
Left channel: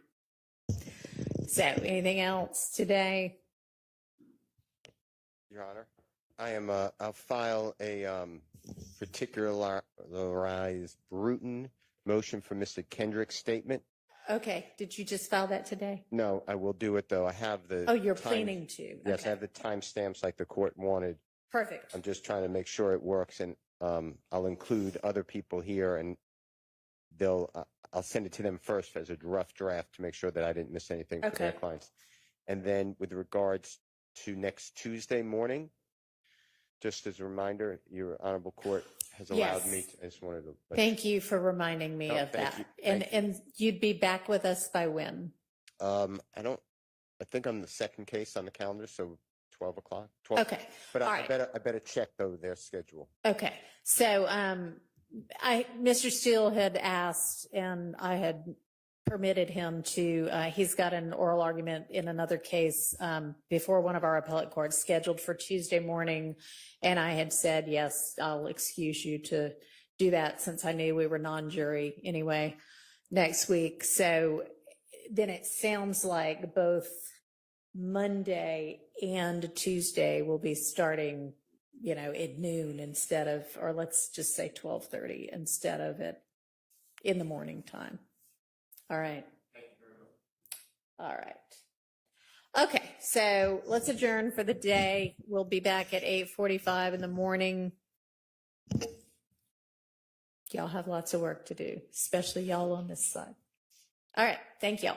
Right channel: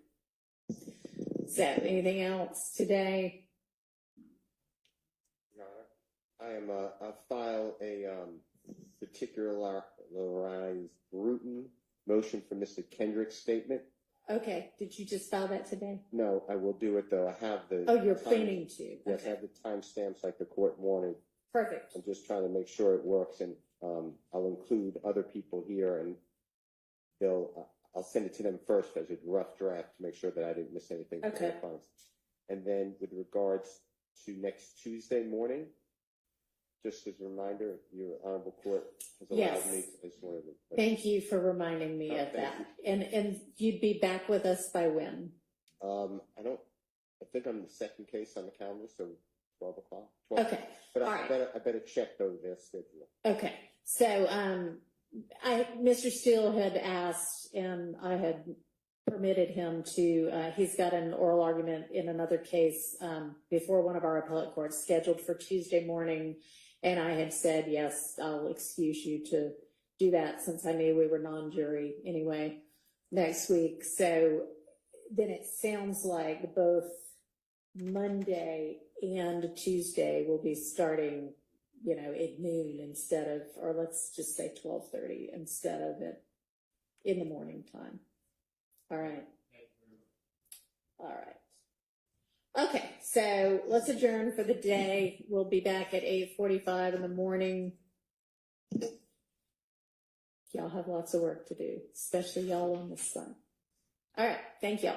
So anything else today? Your Honor, I'll file a particularized written motion for Mr. Kendrick's statement. Okay, did you just file that today? No, I will do it though. I have the. Oh, you're planning to? Yes, Okay. I have the timestamps like the court wanted. Perfect. I'm just trying to make sure it works, and I'll include other people here, and I'll send it to them first as a rough draft to make sure that I didn't miss anything for their clients. And then with regards to next Tuesday morning. Just as a reminder, your honorable court has allowed me. I just wanted to. Thank you for reminding me of thank that. you. And you'd be back with us by when? I think I'm the second case on the calendar, so 12 o'clock. 12. Okay. But All I right. better check though their schedule. Okay. So, Mr. Steele had asked, and I had permitted him to, he's got an oral argument in another case, before one of our appellate courts scheduled for Tuesday morning. And I had said, yes, I'll excuse you to do that since I knew we were non-jury anyway next week. So then it sounds like both Monday and Tuesday will be starting, at noon instead of, or let's just say 12:30 instead of in the morning time. All right. All right. Okay, so let's adjourn for the day. We'll be back at 8:45 in the morning. Y'all have lots of work to do, especially y'all on this side. All right, thank y'all.